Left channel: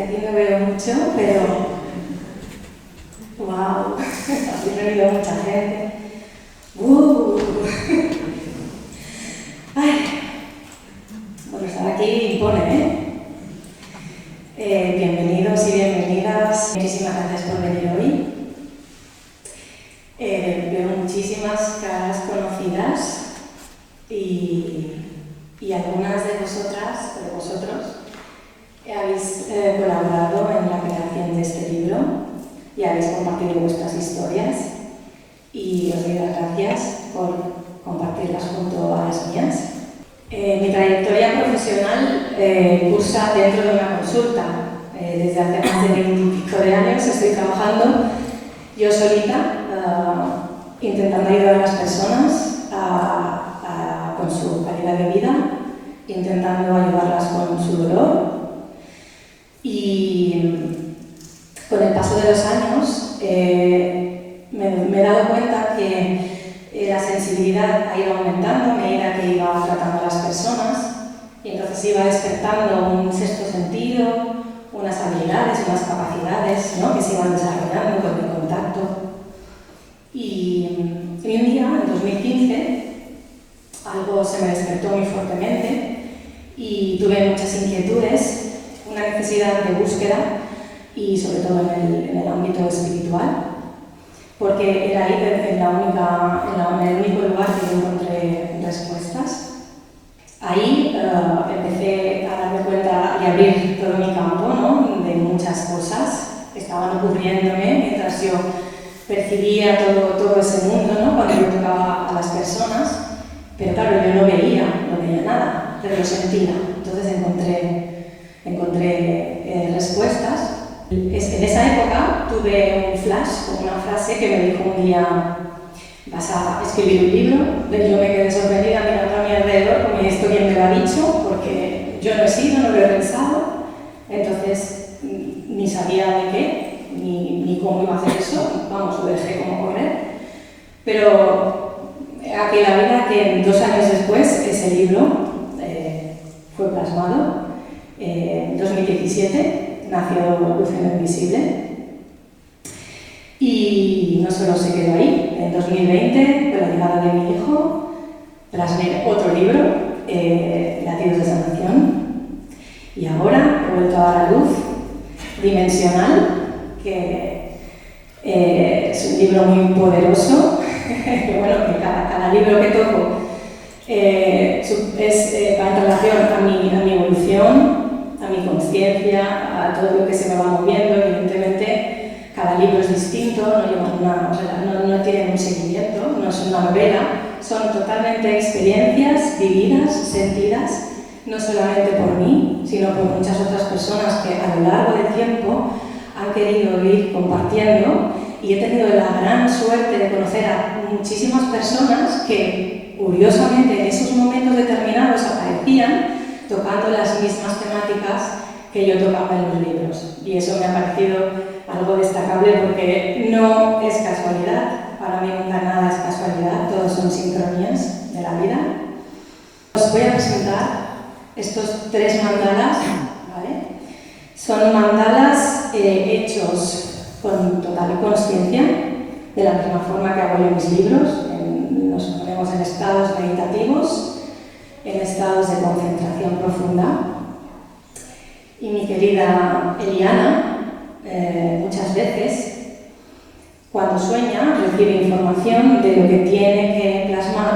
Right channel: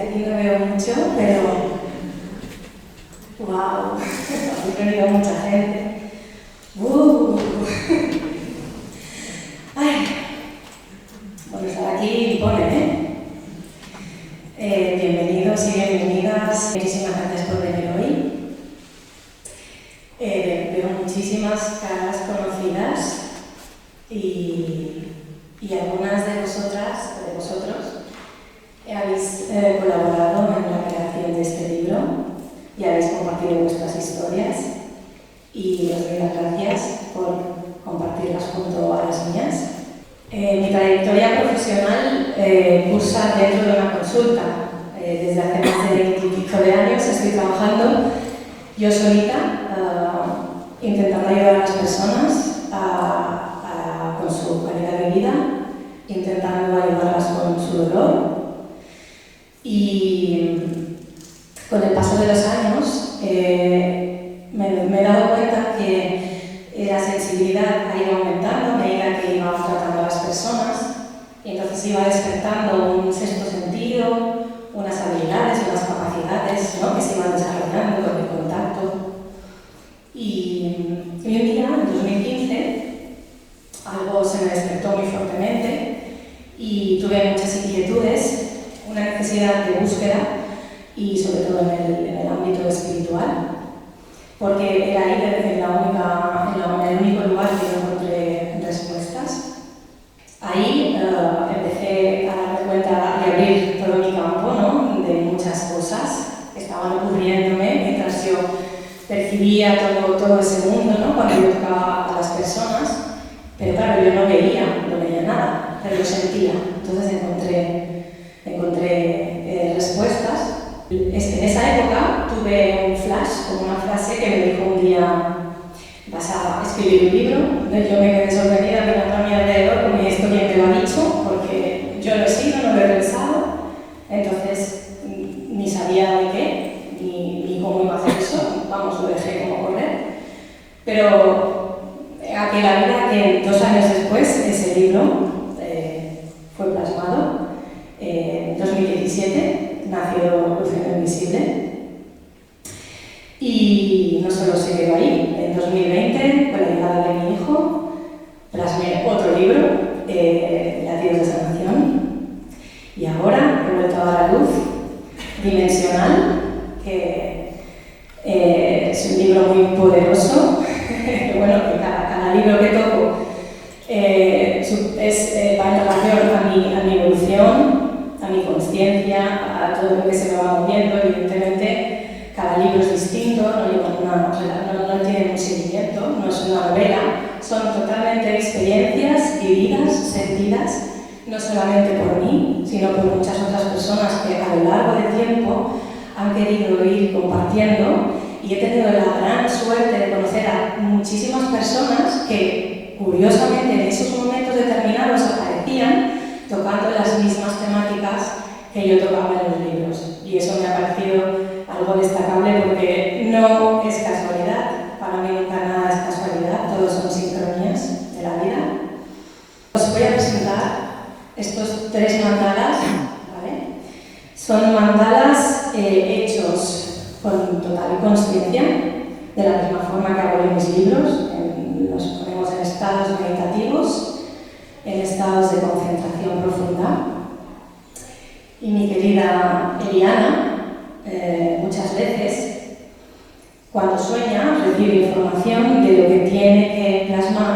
desde aquí no veo mucho, pero wow, aquí no veo mucha gente. Ay, por estar aquí impone, bienvenidos y bienvenidas. Muchísimas gracias por venir hoy. Veo muchísimas caras conocidas y algunas de vosotras, de vosotros, habéis colaborado en la creación de este libro y habéis compartido vuestras historias y os doy las gracias por compartirlas junto a las mías. Mi trayectoria profesional cursa dentro de una consulta. Desde hace más de 20 y pico de años estoy trabajando yo solita, intentando ayudar a las personas con su calidad de vida, intentando ayudarlas con su dolor. Y con el paso de los años me he dado cuenta que la sensibilidad ha ido aumentando a medida que iba tratando a las personas, y entonces iba despertando un sexto sentido, unas habilidades, unas capacidades, ¿no?, que se iban desarrollando con el contacto. Y un día, en 2015, algo se me despertó muy fuertemente y tuve muchas inquietudes, una necesidad de búsqueda y sobre todo en el ámbito espiritual, porque era ahí en el único lugar que encontré respuestas. Ahí empecé a darme cuenta y abrir todo mi campo, ¿no?, de muchas cosas que estaban ocurriéndome mientras yo percibía todo ese mundo, ¿no?, cuando yo tocaba a las personas. Pero claro, yo no veía nada, pero lo sentía. Entonces encontré respuestas. En esa época tuve un flash con una frase que me dijo un día: vas a escribir un libro. Yo me quedé sorprendida mirando a mi alrededor, como esto quién me lo ha dicho, porque yo no he sido, no lo he pensado. Entonces ni sabía de qué, ni cómo iba a hacer eso. Vamos, lo dejé como correr. Pero aquella vida que 2 años después ese libro fue plasmado. En 2017 nació Luciendo Invisible. Y no solo se quedó ahí. En 2020, con la llegada de mi hijo, plasmé otro libro, Latidos de Sanación. Y ahora he vuelto a dar a luz Dimensional, que es un libro muy poderoso. Bueno, que cada libro que toco va en relación a mi evolución, a mi conciencia, a todo lo que se me va moviendo. Evidentemente, cada libro es distinto, no tiene un seguimiento, no es una novela, son totalmente experiencias vividas, sentidas, no solamente por mí, sino por muchas otras personas que a lo largo del tiempo han querido ir compartiendo. Y he tenido la gran suerte de conocer a muchísimas personas que, curiosamente, en esos momentos determinados aparecían tocando las mismas temáticas que yo tocaba en los libros. Y eso me ha parecido algo destacable, porque no es casualidad. Para mí nunca nada es casualidad, todos son sincronías de la vida. Os voy a presentar estos 3 mandalas, ¿vale? Son mandalas hechos con total conciencia, de la misma forma que hago yo en mis libros. Nos ponemos en estados meditativos, en estados de concentración profunda. Y mi querida Eliana, muchas veces, cuando sueña, recibe información de lo que tiene que plasmar,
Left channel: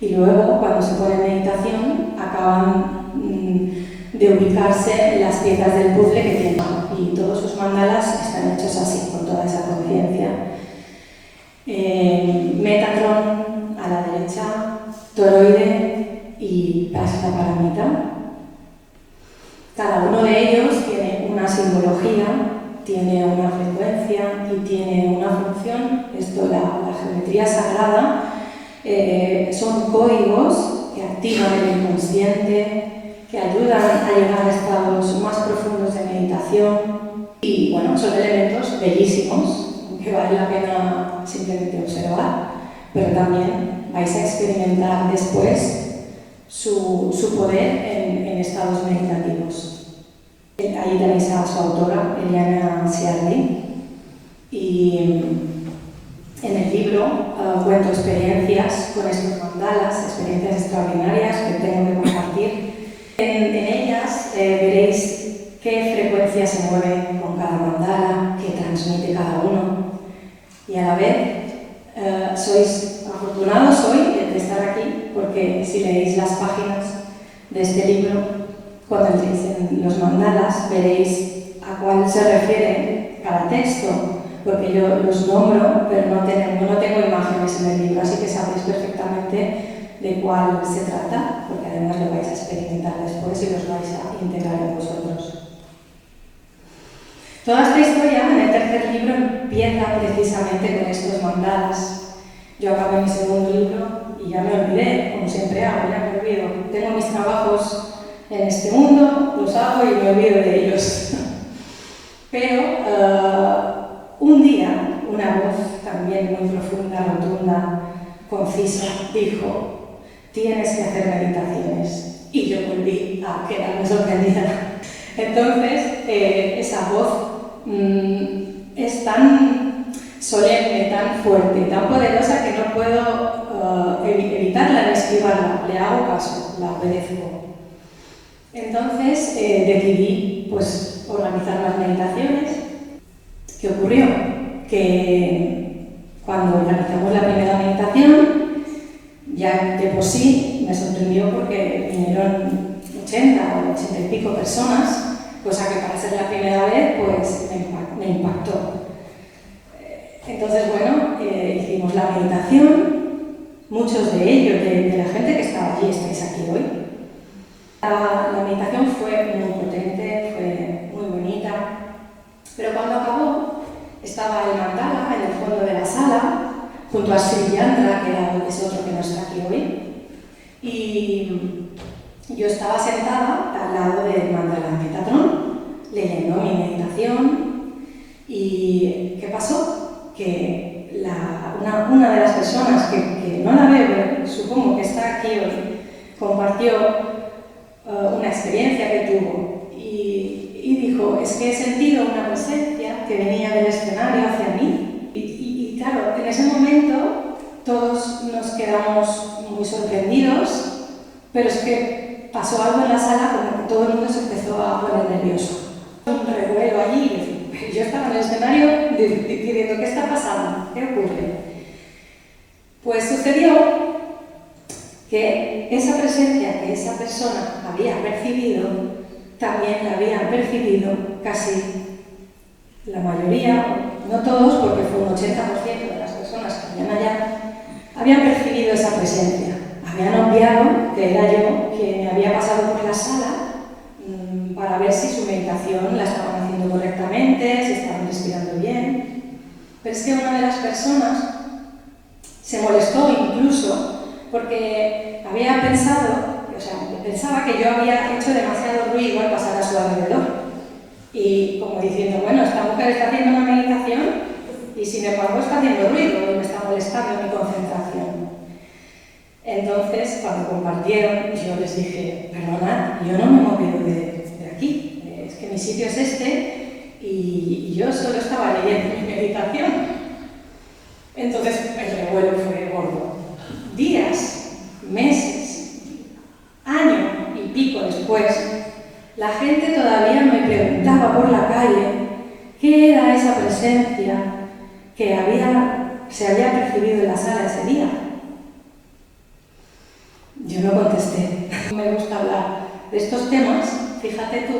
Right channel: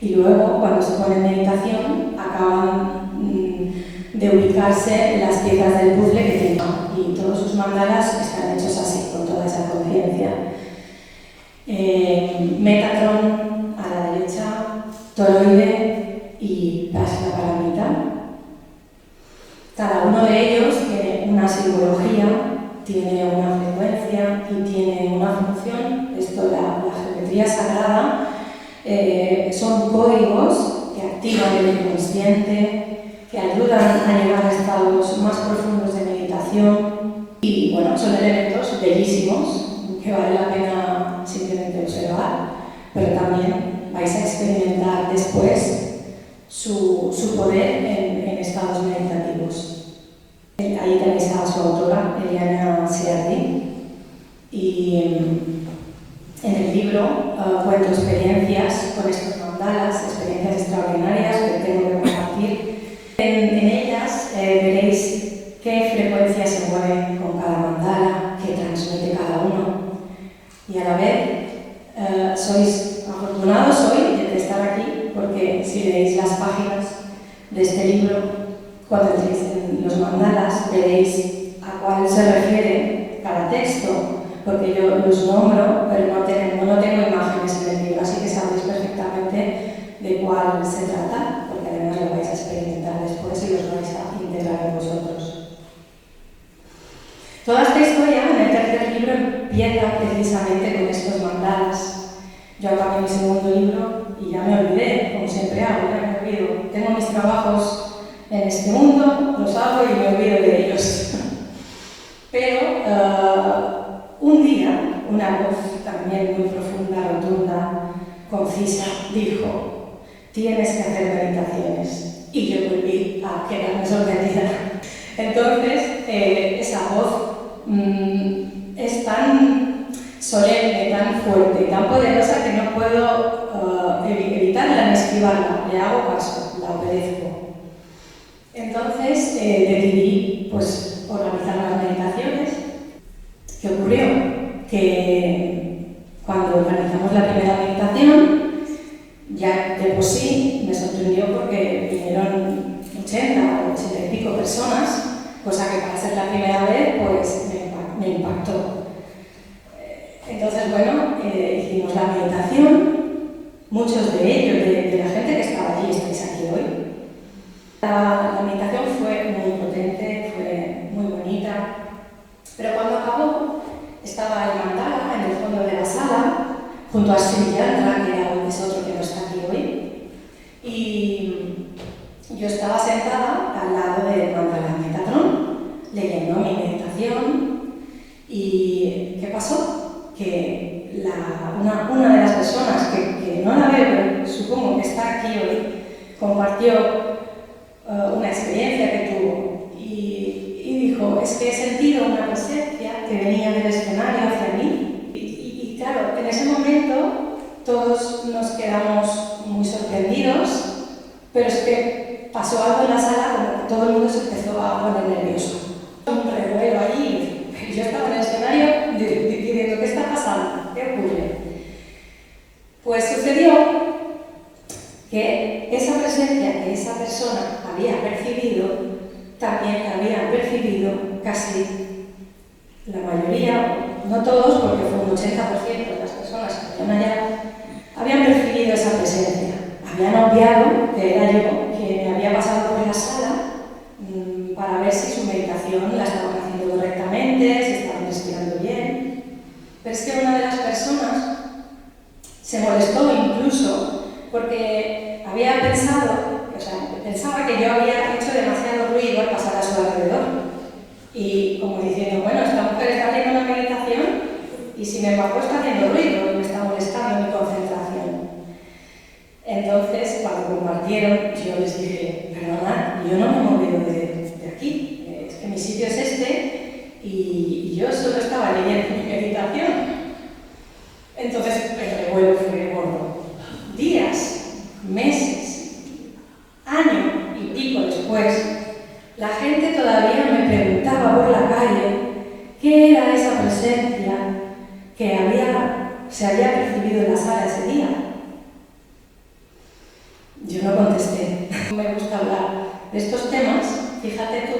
y luego, cuando se pone en meditación, acaban de ubicarse las piezas del puzzle que tiene. Y todos sus mandalas están hechos así, con toda esa conciencia. Metatron a la derecha, toroide y Prajnaparamita. Cada uno de ellos tiene una simbología, tiene una frecuencia y tiene una función. Esto, la geometría sagrada, son códigos que activan el inconsciente, que ayudan a llegar a estados más profundos de meditación. Y bueno, son elementos bellísimos que vale la pena simplemente observar, pero también vais a experimentar después su poder en estados meditativos. Hay allí tenéis a su autora, Eliana Ciardi, y en el libro cuento experiencias con estos mandalas, experiencias extraordinarias que tengo que compartir. En ellas veréis qué frecuencia se mueve con cada mandala, qué transmite cada uno, y a la vez sois afortunados hoy de estar aquí, porque si leéis las páginas de este libro, cuando entréis en los mandalas, veréis a cuál se refiere cada texto, porque yo los nombro, pero no tengo imágenes en el libro, así que sabéis perfectamente de cuál se trata, porque además lo vais a experimentar después y los vais a integrar en vosotros. Toda esta historia, en el tercer libro, empieza precisamente con estos mandalas. Yo acabé mi segundo libro y ya me olvidé, como siempre hago, ya me olvido. Tengo mis trabajos en este mundo, los hago y me olvido de ellos. Pero un día, una voz también muy profunda, rotunda, concisa, dijo: tienes que hacer meditaciones. Y yo volví a quedarme sorprendida. Entonces, esa voz es tan solemne, tan fuerte, tan poderosa que no puedo evitarla ni esquivarla. Le hago caso, la obedezco. Entonces decidí organizar las meditaciones. ¿Qué ocurrió? Que cuando organizamos la primera meditación, ya de por sí me sorprendió porque vinieron 80 o 80 y pico personas, cosa que para ser la primera vez pues me impactó. Entonces, hicimos la meditación, muchos de ellos, de la gente que estaba allí, estáis aquí hoy. La meditación fue muy potente, fue muy bonita, pero cuando acabó estaba el mandala en el fondo de la sala, junto a Sri Yandra, que es otro que no está aquí hoy, y yo estaba sentada al lado del mandala Metatron, leyendo mi meditación. ¿Y qué pasó? Que una de las personas que no la veo, pero supongo que está aquí hoy, compartió una experiencia que tuvo y dijo: es que he sentido una presencia que venía del escenario hacia mí. Y claro, en ese momento todos nos quedamos muy sorprendidos, pero es que pasó algo en la sala, como que todo el mundo se empezó a poner nervioso. Un revuelo allí. Yo estaba en el escenario diciendo: ¿qué está pasando? ¿Qué ocurre? Pues sucedió que esa presencia que esa persona había percibido, también la habían percibido casi la mayoría, no todos, porque fue un 80% de las personas que venían allá, habían percibido esa presencia. Habían obviado que era yo quien me había pasado por la sala para ver si su meditación la estaban haciendo correctamente, si estaban respirando bien. Pero es que una de las personas se molestó incluso porque había pensaba que yo había hecho demasiado ruido al pasar a su alrededor. Y como diciendo: bueno, esta mujer está haciendo una meditación y sin embargo está haciendo ruido y me está molestando mi concentración. Entonces, cuando compartieron, yo les dije: perdona, yo no me he movido de aquí, es que mi sitio es este y yo solo estaba leyendo mi meditación. Entonces, el revuelo fue gordo. Días, meses, año y pico después, la gente todavía me preguntaba por la calle qué era esa presencia que se había percibido en la sala ese día. Yo no contesté. Me gusta hablar de estos temas, fíjate tú,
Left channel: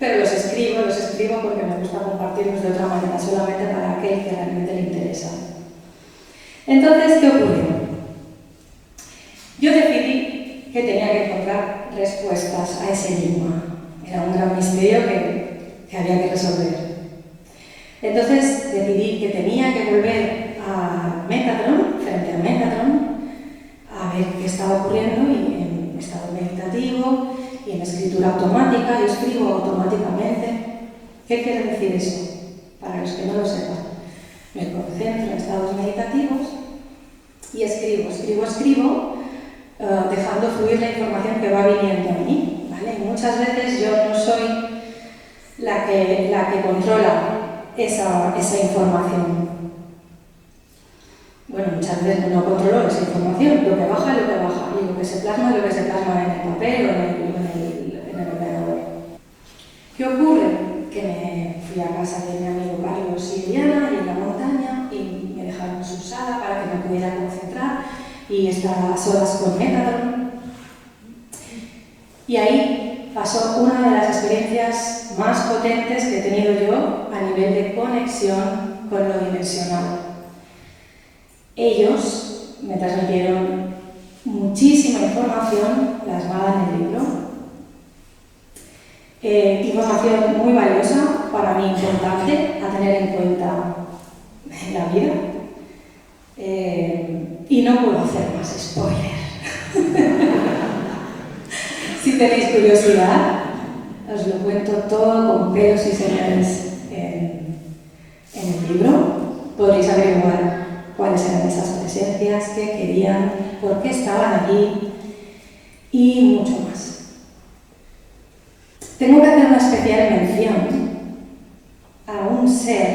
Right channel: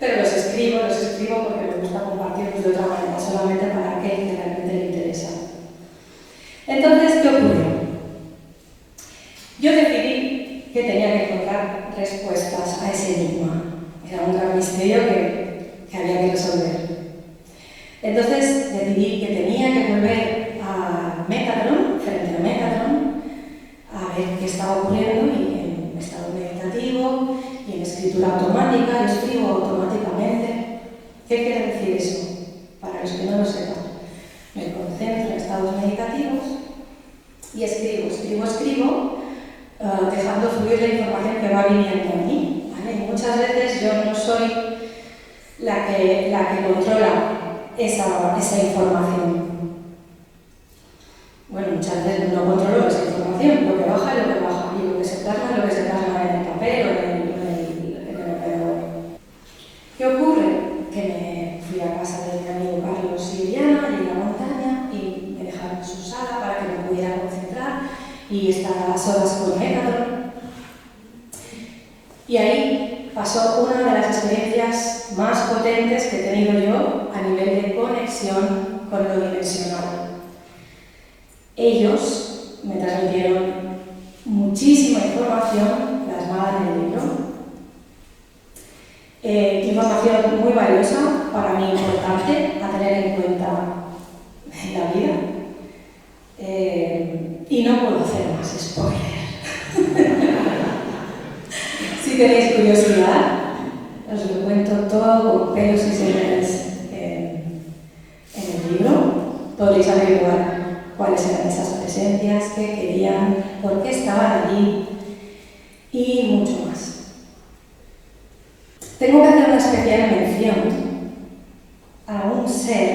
pero los escribo porque me gusta compartirlos de otra manera, solamente para aquel que realmente le interesa. Entonces, ¿qué ocurrió? Yo decidí que tenía que encontrar respuestas a ese enigma. Era un gran misterio que había que resolver. Entonces decidí que tenía que volver a Metatron, frente a Metatron, a ver qué estaba ocurriendo y en estado meditativo y en escritura automática. Yo escribo automáticamente. ¿Qué quiere decir eso? Para los que no lo sepan. Me concentro en estados meditativos y escribo, dejando fluir la información que va viniendo a mí, ¿vale? Muchas veces yo no soy la que controla esa información. Bueno, muchas veces no controlo esa información, lo que baja, y lo que se plasma en el papel o en el ordenador. ¿Qué ocurre? Que me fui a casa de mi amigo Carlos y Diana, y en la montaña, y me dejaron en su sala para que me pudiera concentrar y estar a las horas con Megadon. Y ahí pasó una de las experiencias más potentes que he tenido yo a nivel de conexión con lo dimensional. Ellos me transmitieron muchísima información plasmada en el libro. Información muy valiosa, para mí importante, a tener en cuenta en la vida. Y no puedo hacer más spoiler. Si tenéis curiosidad, os lo cuento todo con pelos y señales en el libro. Podréis averiguar cuáles eran esas presencias, qué querían, por qué estaban allí y mucho más. Tengo que hacer una especial mención a un ser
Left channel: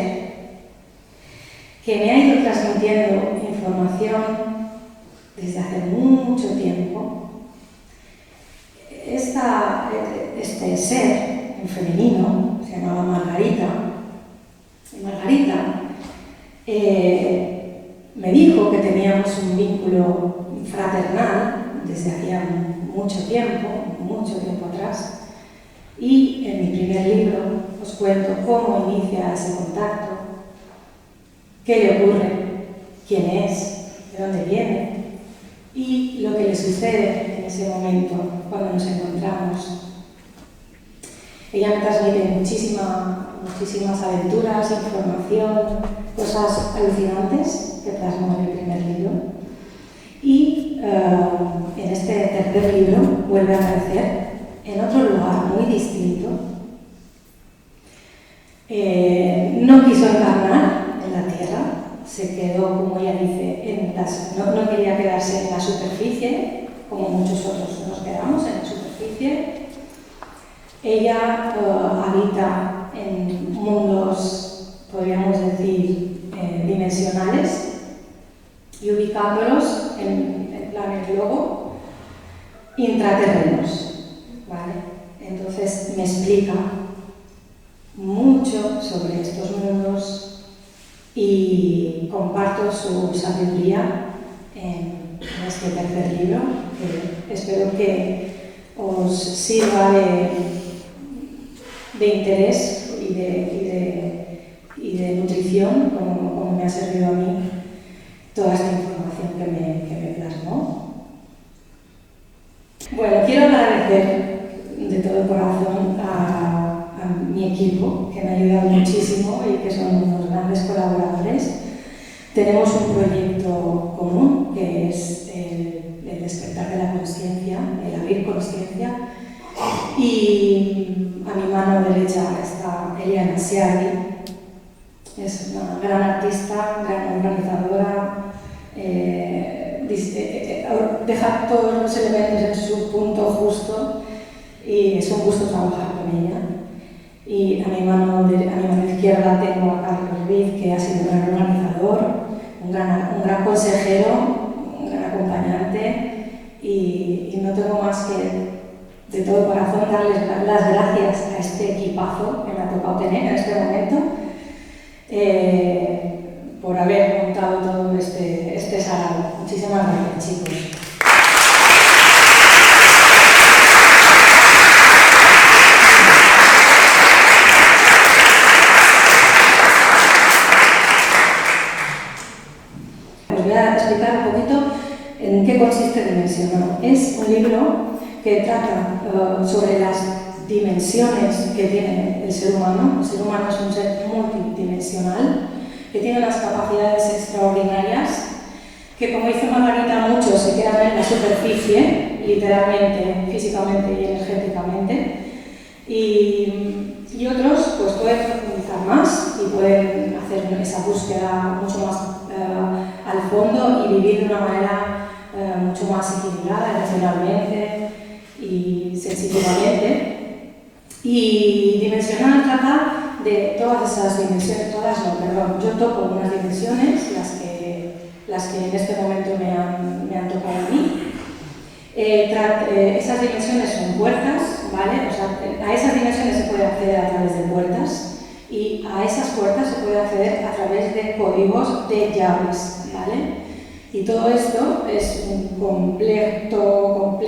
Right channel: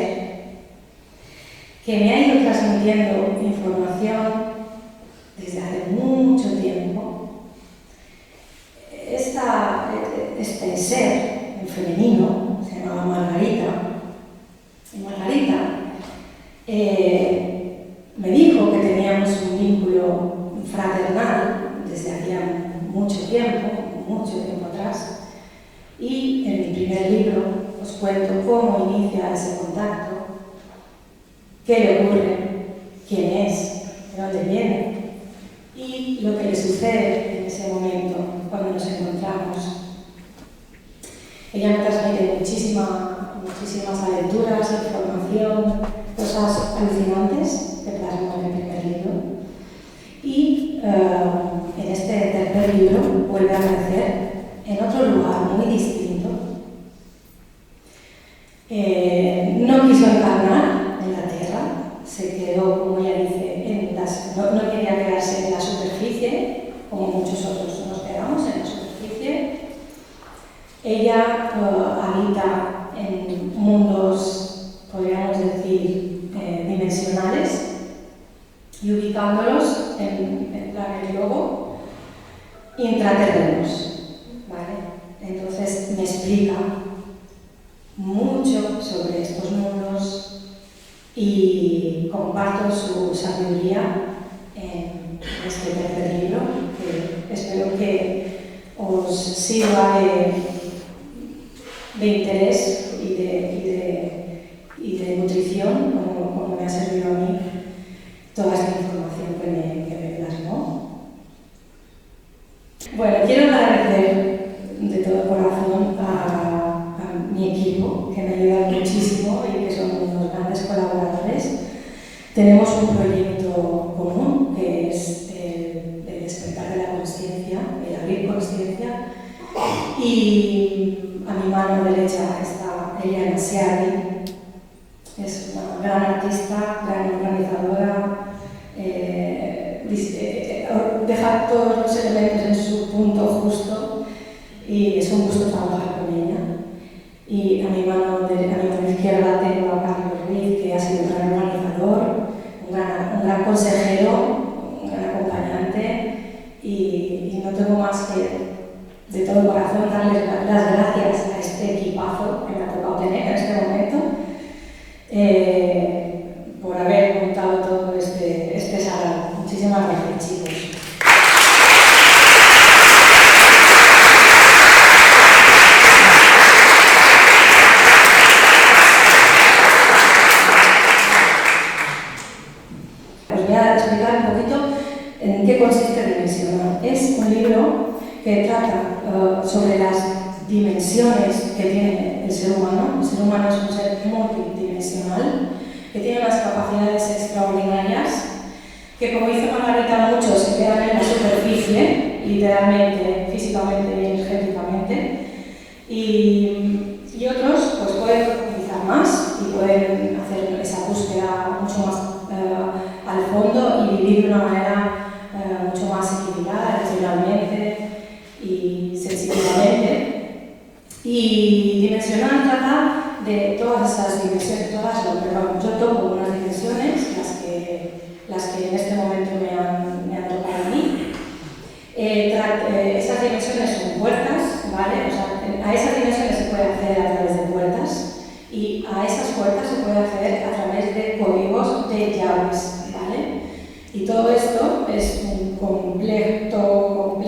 que me ha ido transmitiendo información desde hace mucho tiempo. Este ser, en femenino, se llamaba Margarita. Y Margarita me dijo que teníamos un vínculo fraternal desde hacía mucho tiempo atrás. Y en mi primer libro os cuento cómo inicia ese contacto, qué le ocurre, quién es, de dónde viene y lo que le sucede en ese momento cuando nos encontramos. Ella me transmite muchísimas aventuras, información, cosas alucinantes que plasmo en el primer libro. Y en este tercer libro vuelve a aparecer en otro lugar muy distinto. No quiso encarnar en la tierra, se quedó, como ella dice, no quería quedarse en la superficie, como muchos otros nos quedamos en la superficie. Ella habita en mundos, podríamos decir, dimensionales, y ubicándolos en planes luego intraterrenos. ¿Vale? Entonces me explica mucho sobre estos mundos y comparto su sabiduría en este tercer libro, que espero que os sirva de interés y de nutrición, como me ha servido a mí toda esta información que me plasmó. Bueno, quiero agradecer de todo corazón a mi equipo, que me ha ayudado muchísimo y que son unos grandes colaboradores. Tenemos un proyecto común, que es el despertar de la consciencia, el abrir consciencia, y a mi mano derecha está Eliana Seagui. Es una gran artista, gran organizadora, deja todos los elementos en su punto justo, y es un gusto trabajar con ella. Y a mi mano izquierda tengo a Carlos Ruiz, que ha sido un gran organizador, un gran consejero, un gran acompañante, y no tengo más que de todo corazón darles las gracias a este equipazo que me ha tocado tener en este momento, por haber montado todo este salón. Muchísimas gracias, chicos. Os voy a explicar un poquito en qué consiste Dimensional. Es un libro que trata sobre las dimensiones que tiene el ser humano. El ser humano es un ser multidimensional, que tiene unas capacidades extraordinarias, que, como dice Margarita, muchos se quedan en la superficie, literalmente, físicamente y energéticamente, y otros pues pueden profundizar más y pueden hacer esa búsqueda mucho más al fondo y vivir de una manera mucho más equilibrada emocionalmente y sensitivamente. Y Y dimensional trata de todas esas dimensiones, yo toco unas dimensiones, las que en este momento me han tocado a mí. Esas dimensiones son puertas, ¿vale? O sea, a esas dimensiones se puede acceder a través de puertas y a esas puertas se puede acceder a través de códigos de llaves, ¿vale? Y todo esto es un complejo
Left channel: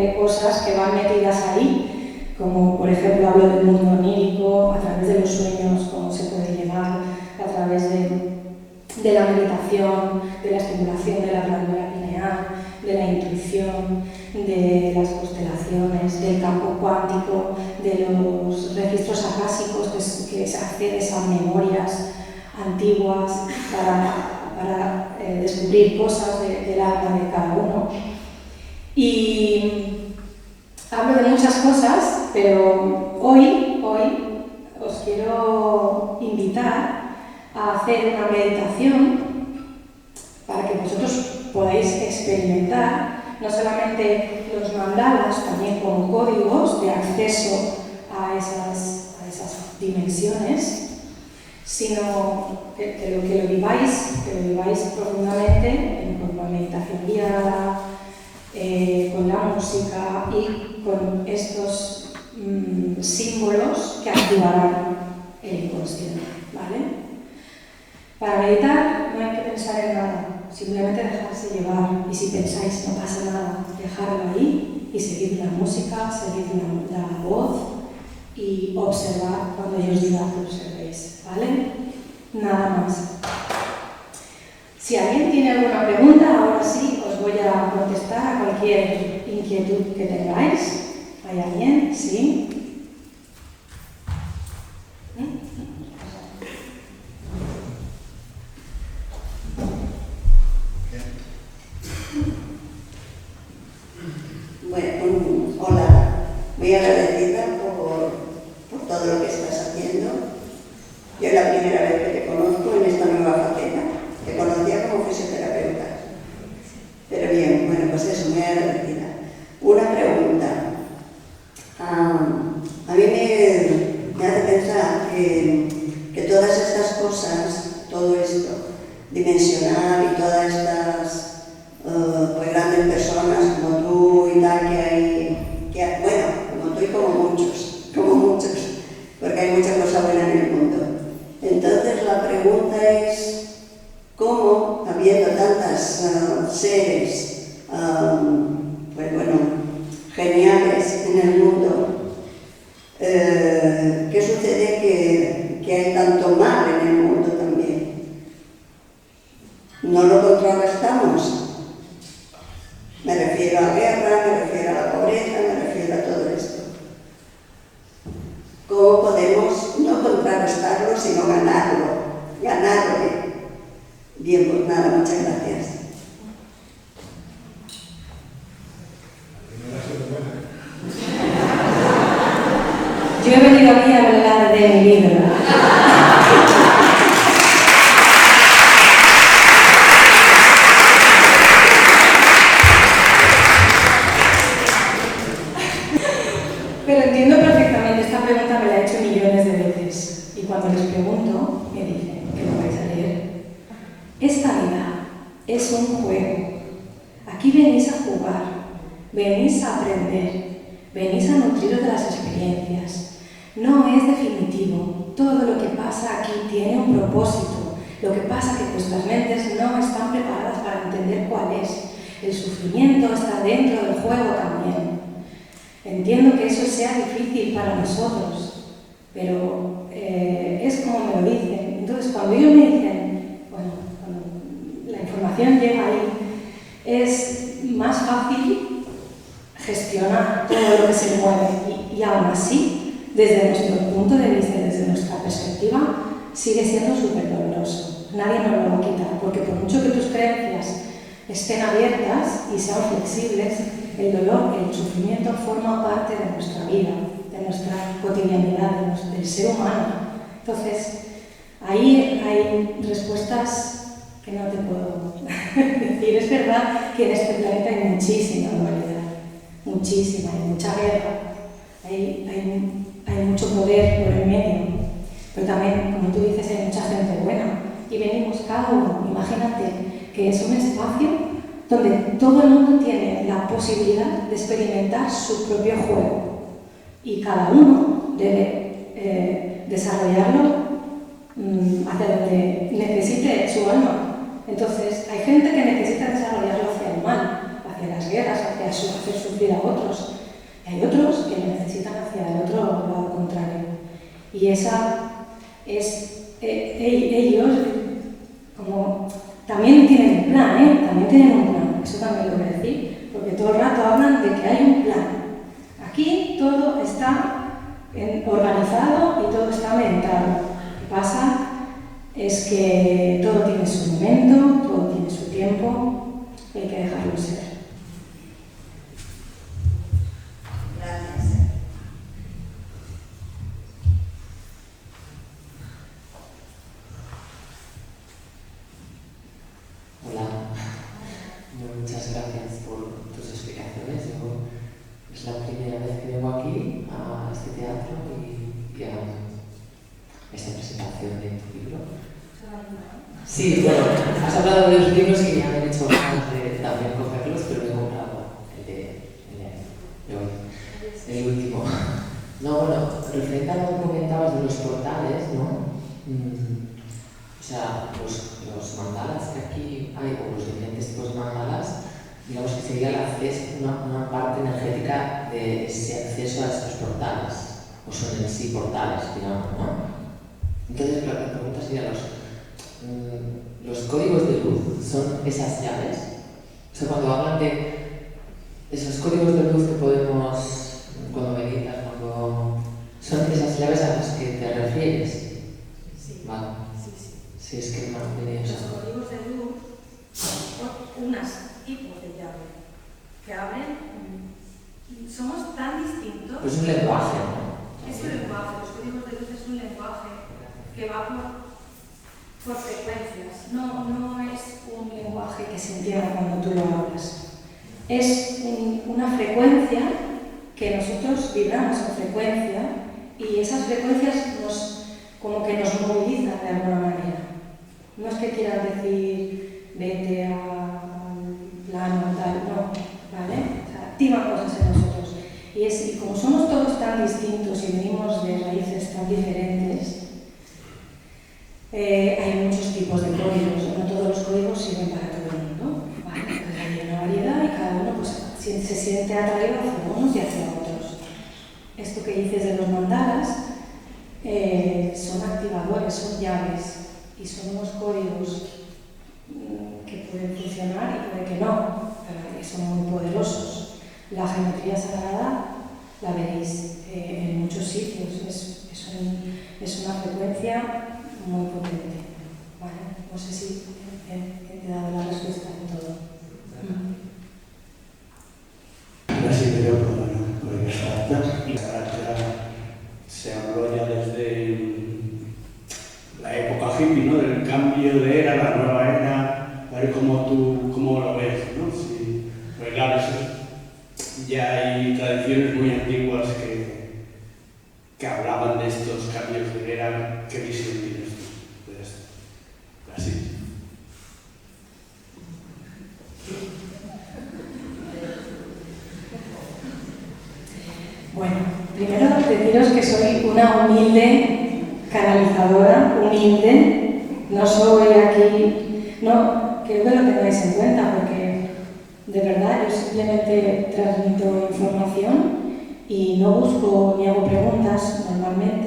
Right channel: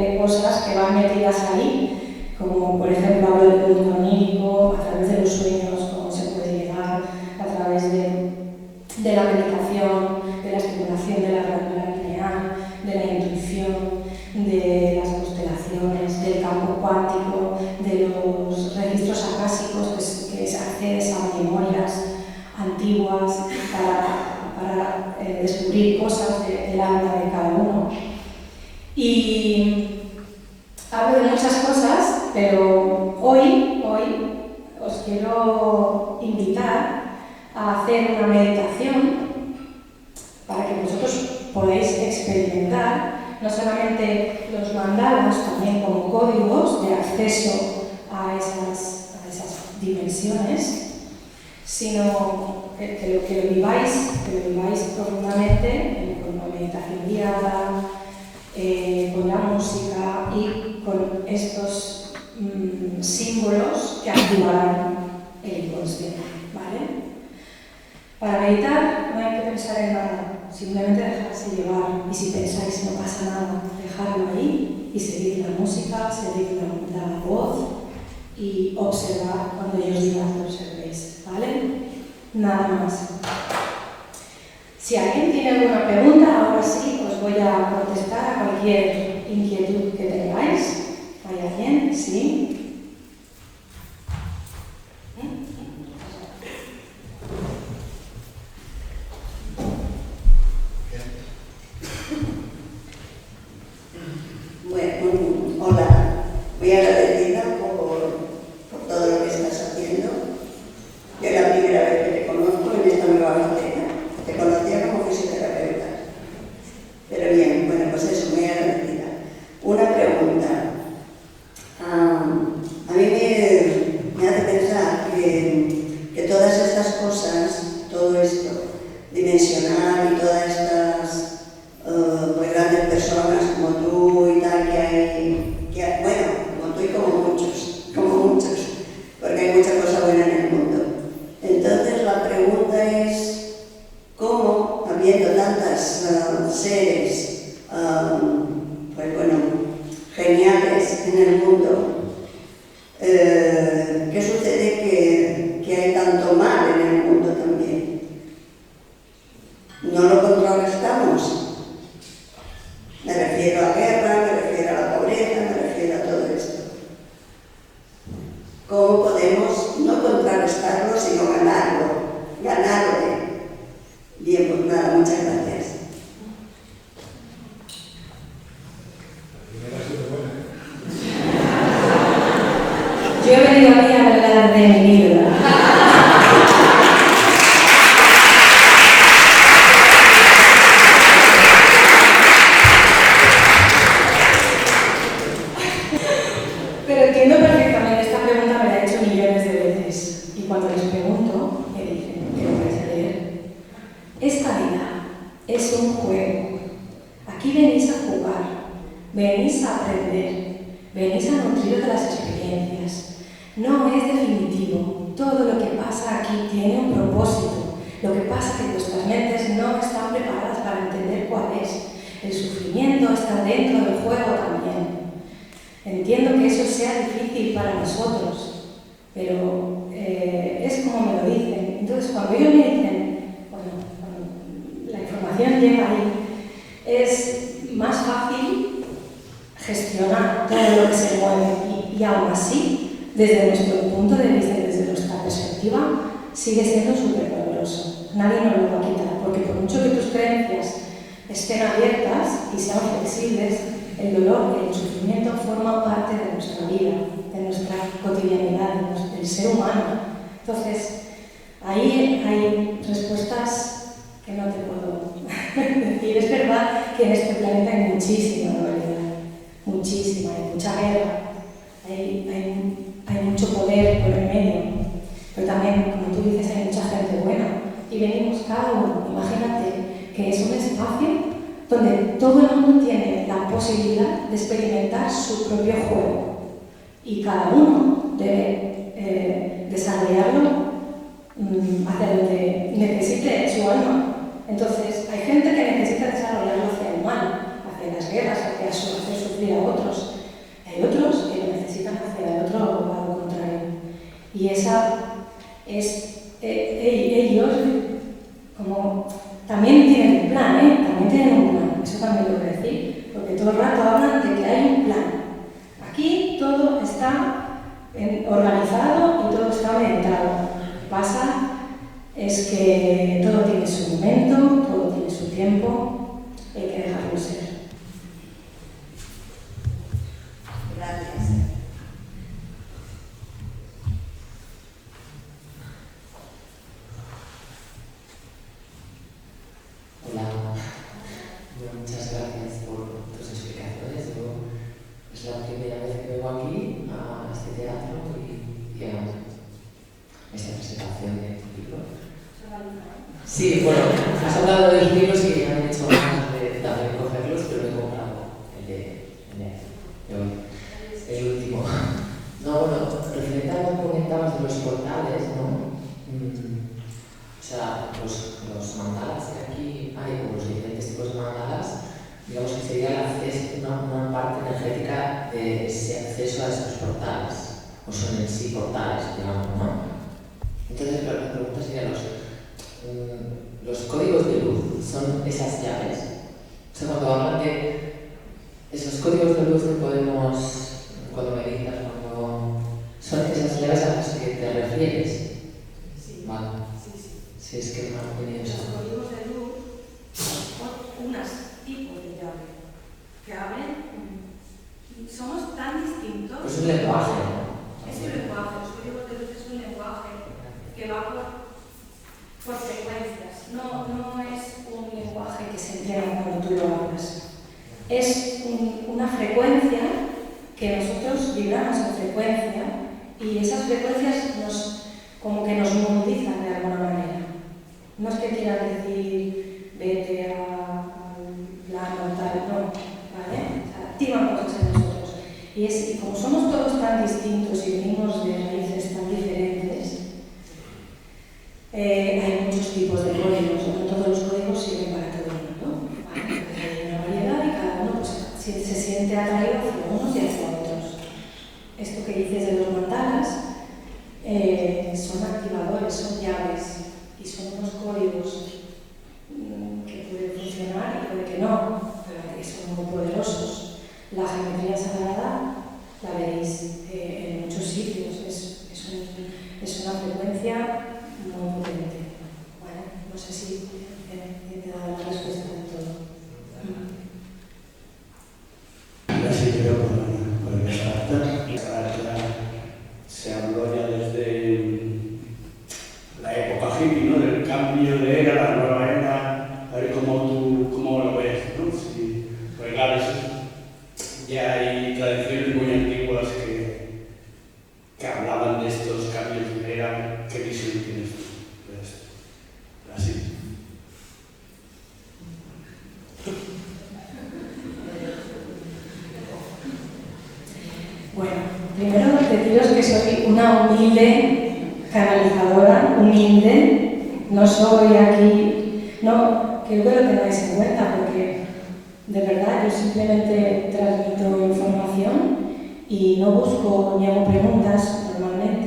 de cosas que van metidas ahí, como por ejemplo hablo del mundo onírico, a través de los sueños, cómo se puede llegar, a través de la meditación, de la estimulación de la glándula pineal, de la intuición, de las constelaciones, del campo cuántico, de los registros acásicos que se accedes a memorias antiguas para descubrir cosas del alma de cada uno. Y hablo de muchas cosas, pero hoy os quiero invitar a hacer una meditación para que vosotros podáis experimentar no solamente los mandalas, también como códigos de acceso a esas dimensiones, sino que lo viváis profundamente con la meditación guiada, con la música y con estos símbolos que activarán el inconsciente, ¿vale? Para meditar no hay que pensar en nada, simplemente dejarse llevar, y si pensáis no pasa nada, dejarlo ahí y seguir la música, seguir la voz y observar cuando yo os diga que observéis, ¿vale? Nada más. Si alguien tiene alguna pregunta, ahora sí os voy a contestar a cualquier inquietud que tengáis. ¿Hay alguien? ¿Sí? Bueno, hola, muy agradecida por todo lo que estás haciendo. Yo es la primera vez que te conozco en esta nueva faceta. Te conocía como fisioterapeuta. Pero bien, bueno, pues eso, muy agradecida. Una pregunta. A mí me hace pensar que todas estas cosas, todo esto, dimensional y todas estas pues grandes personas como tú y tal que hay, bueno, como tú y como muchos, porque hay mucha cosa buena en el mundo. Entonces la pregunta es, ¿cómo, habiendo tantas seres, pues bueno, geniales en el mundo, qué sucede que hay tanto mal en el mundo también? ¿No lo contrarrestamos? Me refiero a la guerra, me refiero a la pobreza, me refiero a todo esto. ¿Cómo podemos no contrarrestarlo, sino ganarlo? Ganarle. Bien, pues nada, muchas gracias. Yo he venido aquí a hablar de mi libro. Pero entiendo perfectamente, esta pregunta me la he hecho millones de veces. Y cuando les pregunto, me dicen, ¿qué lo vais a leer? Esta vida es un juego. Aquí venís a jugar, venís a aprender, venís a nutriros de las experiencias. No es definitivo. Todo lo que pasa aquí tiene un propósito. Lo que pasa es que vuestras mentes no están preparadas para entender cuál es. El sufrimiento está dentro del juego también. Entiendo que eso sea difícil para nosotros, pero es como me lo dicen. Entonces, cuando ellos me dicen, bueno, cuando la información llega ahí, es más fácil gestionar todo lo que se mueve y aún así, desde nuestro punto de vista, desde nuestra perspectiva, sigue siendo súper doloroso. Nadie nos lo va a quitar, porque por mucho que tus creencias estén abiertas y sean flexibles, el dolor, el sufrimiento forma parte de nuestra vida, de nuestra cotidianidad, del ser humano. Entonces, ahí hay respuestas que no te puedo decir. Es verdad que en este planeta hay muchísima dualidad, muchísima, hay mucha guerra, hay hay mucho poder por el medio, pero también, como tú dices, hay mucha gente buena. Y venimos cada uno, imagínate que es un espacio donde todo el mundo tiene la posibilidad de experimentar su propio juego y cada uno debe desarrollarlo hacia donde necesite su alma. Entonces, hay gente que necesita desarrollarlo hacia el mal, hacia las guerras, hacia hacer sufrir a otros. Hay otros que lo necesitan hacia el otro lado contrario. Y esa es ellos, como también tienen un plan, también tienen un plan, eso también lo voy a decir, porque todo el rato hablan de que hay un plan. Aquí todo está organizado y todo está meditado. Lo que pasa es que todo tiene su momento, todo tiene su tiempo, y hay que dejarlo ser. Gracias. Hola, muchas gracias por tus explicaciones. Es la primera vez que vengo aquí a este teatro y a esta presentación de tu libro. Sí, bueno, has hablado de los libros que ya me han hecho ganas de también cogerlos, pero he comprado el de hoy, el último. No, bueno, referente a lo que comentabas de los portales, ¿no? O sea, los mandalas que aquí hay, o los diferentes tipos de mandalas, digamos que sería una parte energética de ese acceso a estos portales, o son en sí portales, digamos, ¿no? Entonces, la pregunta sería, los códigos de luz son esas llaves. O sea, cuando hablan de esos códigos de luz que podemos, cuando meditas, son esas llaves a las que te refieres. Sí. Vale. Sí, es que no he tenido eso. Los códigos de luz son unos tipos de llave que abren. Somos tan distintos. Pues es un lenguaje, ¿no? Es un lenguaje, los códigos de luz es un lenguaje que va por frecuencias. No es un lenguaje que se entienda cuando tú lo hablas. Es una frecuencia que nosotros vibramos en frecuencia y esas frecuencias como que nos movilizan de alguna manera. No es que quieran decir vete al plano tal, no, ¿vale? O sea, activan cosas en nosotros. Y como somos todos tan distintos y venimos de raíces tan diferentes, hay muchos tipos de códigos, no todos los códigos sirven para todo el mundo, ¿vale? Pues hay una variedad y cada uno pues, se siente atraído hacia unos y hacia otros. Esto que dices de los mandalas son activadores, son llaves y son unos códigos que pueden funcionar y puede que no, pero que son muy poderosos. La geometría sagrada la veréis en muchos sitios, es una frecuencia muy potente. ¿Vale? No sé si he dado la respuesta de todo. Gracias, yo por empezar a se habló ya desde la época hippie, ¿no? Del cambio de era, la nueva era, a ver cómo lo ves, ¿no? Sí, pues claro, ya hay tradiciones muy antiguas que hablaban de estos cambios de era. ¿Qué visión tienes de esto? Así. Bueno, primero deciros que soy una humilde canalizadora, no soy aquí, no, que lo tengáis en cuenta, porque de verdad yo simplemente transmito información y no busco ni hago preguntas normalmente.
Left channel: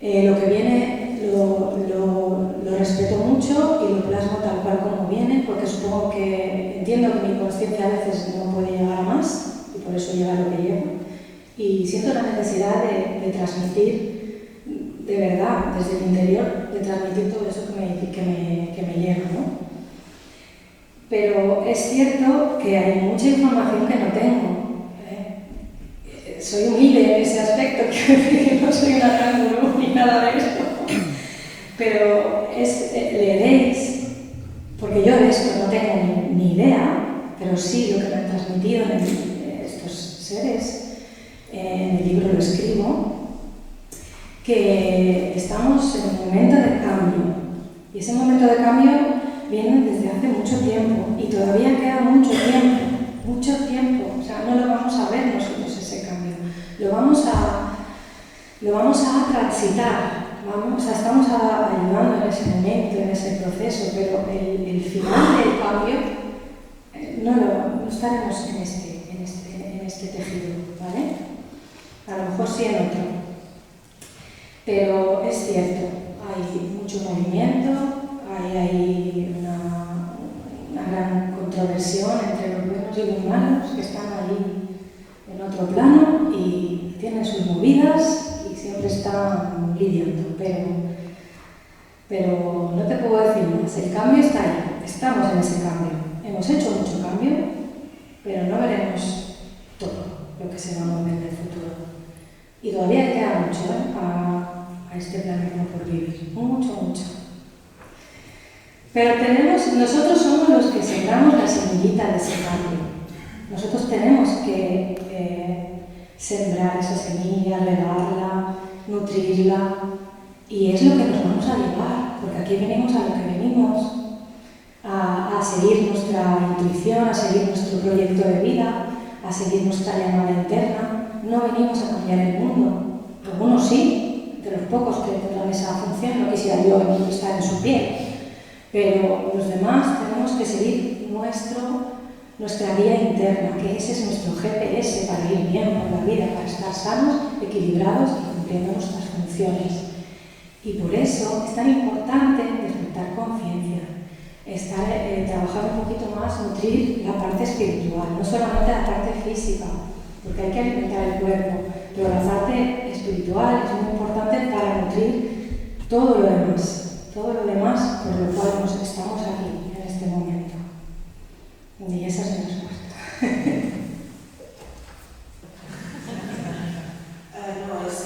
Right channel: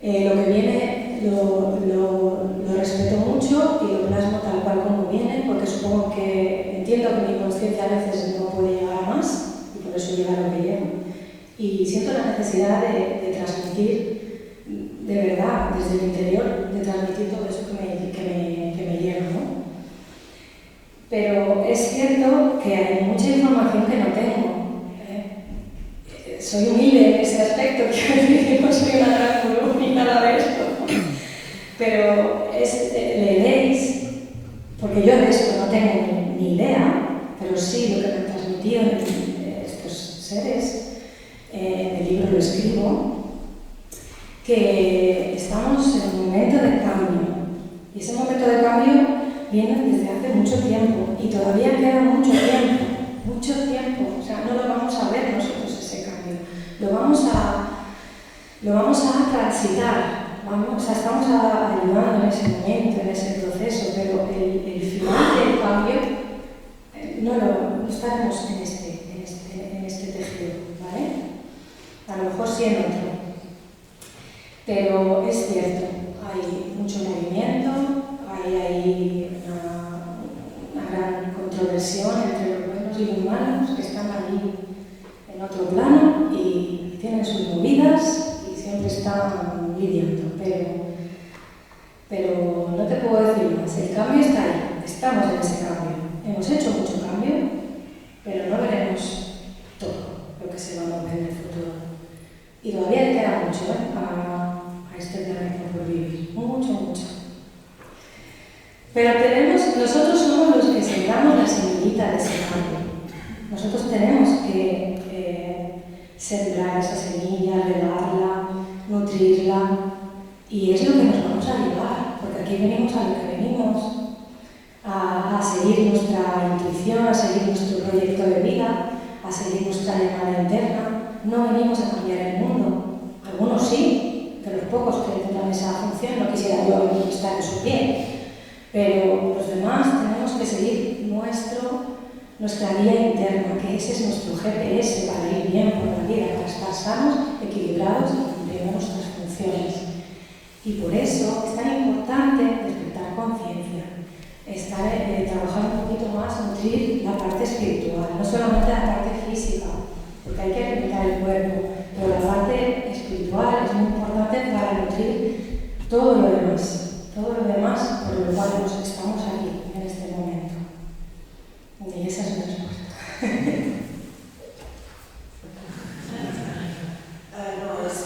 Lo que viene lo respeto mucho y lo plasmo tal cual como viene, porque supongo que entiendo que mi conciencia a veces no puede llegar a más y por eso llega lo que llega. Y siento la necesidad de transmitir, de verdad, desde el interior, de transmitir todo eso que me llega, ¿no? Pero es cierto que hay mucha información que no tengo. Soy humilde en ese aspecto, que no soy una gran gurú ni nada de esto. Pero leeréis, porque yo de esto no tengo ni idea, pero sí lo que me han transmitido estos seres. En el libro lo escribo, que estamos en un momento de cambio. Y ese momento de cambio viene desde hace mucho tiempo y todavía queda mucho tiempo. O sea, no lo vamos a ver nosotros ese cambio. Lo vamos a transitar. O sea, estamos ayudando en ese momento, en ese proceso, pero el final del cambio no estaremos en este tejido, ¿vale? A lo mejor sí en otro. Pero es cierto, hay mucho movimiento, hay una gran controversión entre los buenos y los malos que están ahí en otro plano y tienen sus movidas y siempre están lidiando. Pero no te puedo decir más, el cambio está ahí, estamos en ese cambio. Hemos hecho mucho cambio, pero no veremos todo lo que se va a mover en el futuro. Y todavía le queda mucho a este planeta por vivir, mucho. Pero nosotros somos los que sembramos la semillita de ese cambio. Nosotros tenemos que sembrar esa semilla, regarla, nutrirla, y es lo que nos vamos a llevar, porque aquí venimos a lo que venimos, a seguir nuestra intuición, a seguir nuestro proyecto de vida, a seguir nuestra llamada interna. No venimos a cambiar el mundo. Algunos sí, de los pocos que tendrán esa función, no quisiera yo venir y estar en su pie, pero los demás tenemos que seguir nuestra guía interna, que ese es nuestro GPS para ir bien por la vida, para estar sanos, equilibrados y cumpliendo nuestras funciones. Y por eso es tan importante despertar conciencia, trabajar un poquito más, nutrir la parte espiritual, no solamente la parte física, porque hay que alimentar el cuerpo, pero la parte espiritual es muy importante para nutrir todo lo demás por lo cual estamos aquí en este momento. Y esa es la respuesta.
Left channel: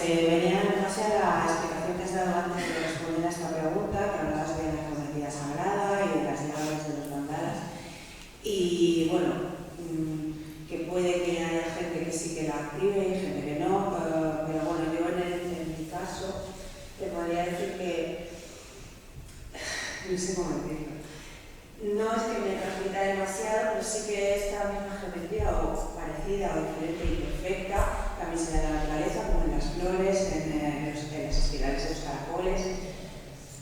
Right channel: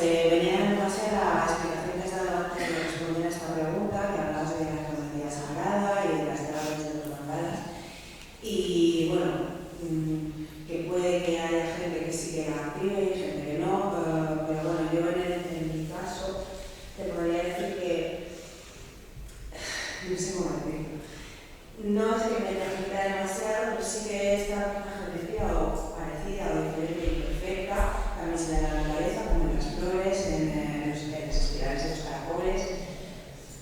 Venía en base a la explicación que has dado antes de responder a esta pregunta, que hablabas de la geometría sagrada y de las llaves de los mandalas. Y bueno, que puede que haya gente que sí que la active y gente que no, pero bueno, yo en mi caso te podría decir que no sé cómo decirlo. No es que me transmita demasiado, pero sí que esta misma geometría o parecida o diferente y perfecta también se da en la naturaleza, como en las flores, en las espirales de los caracoles.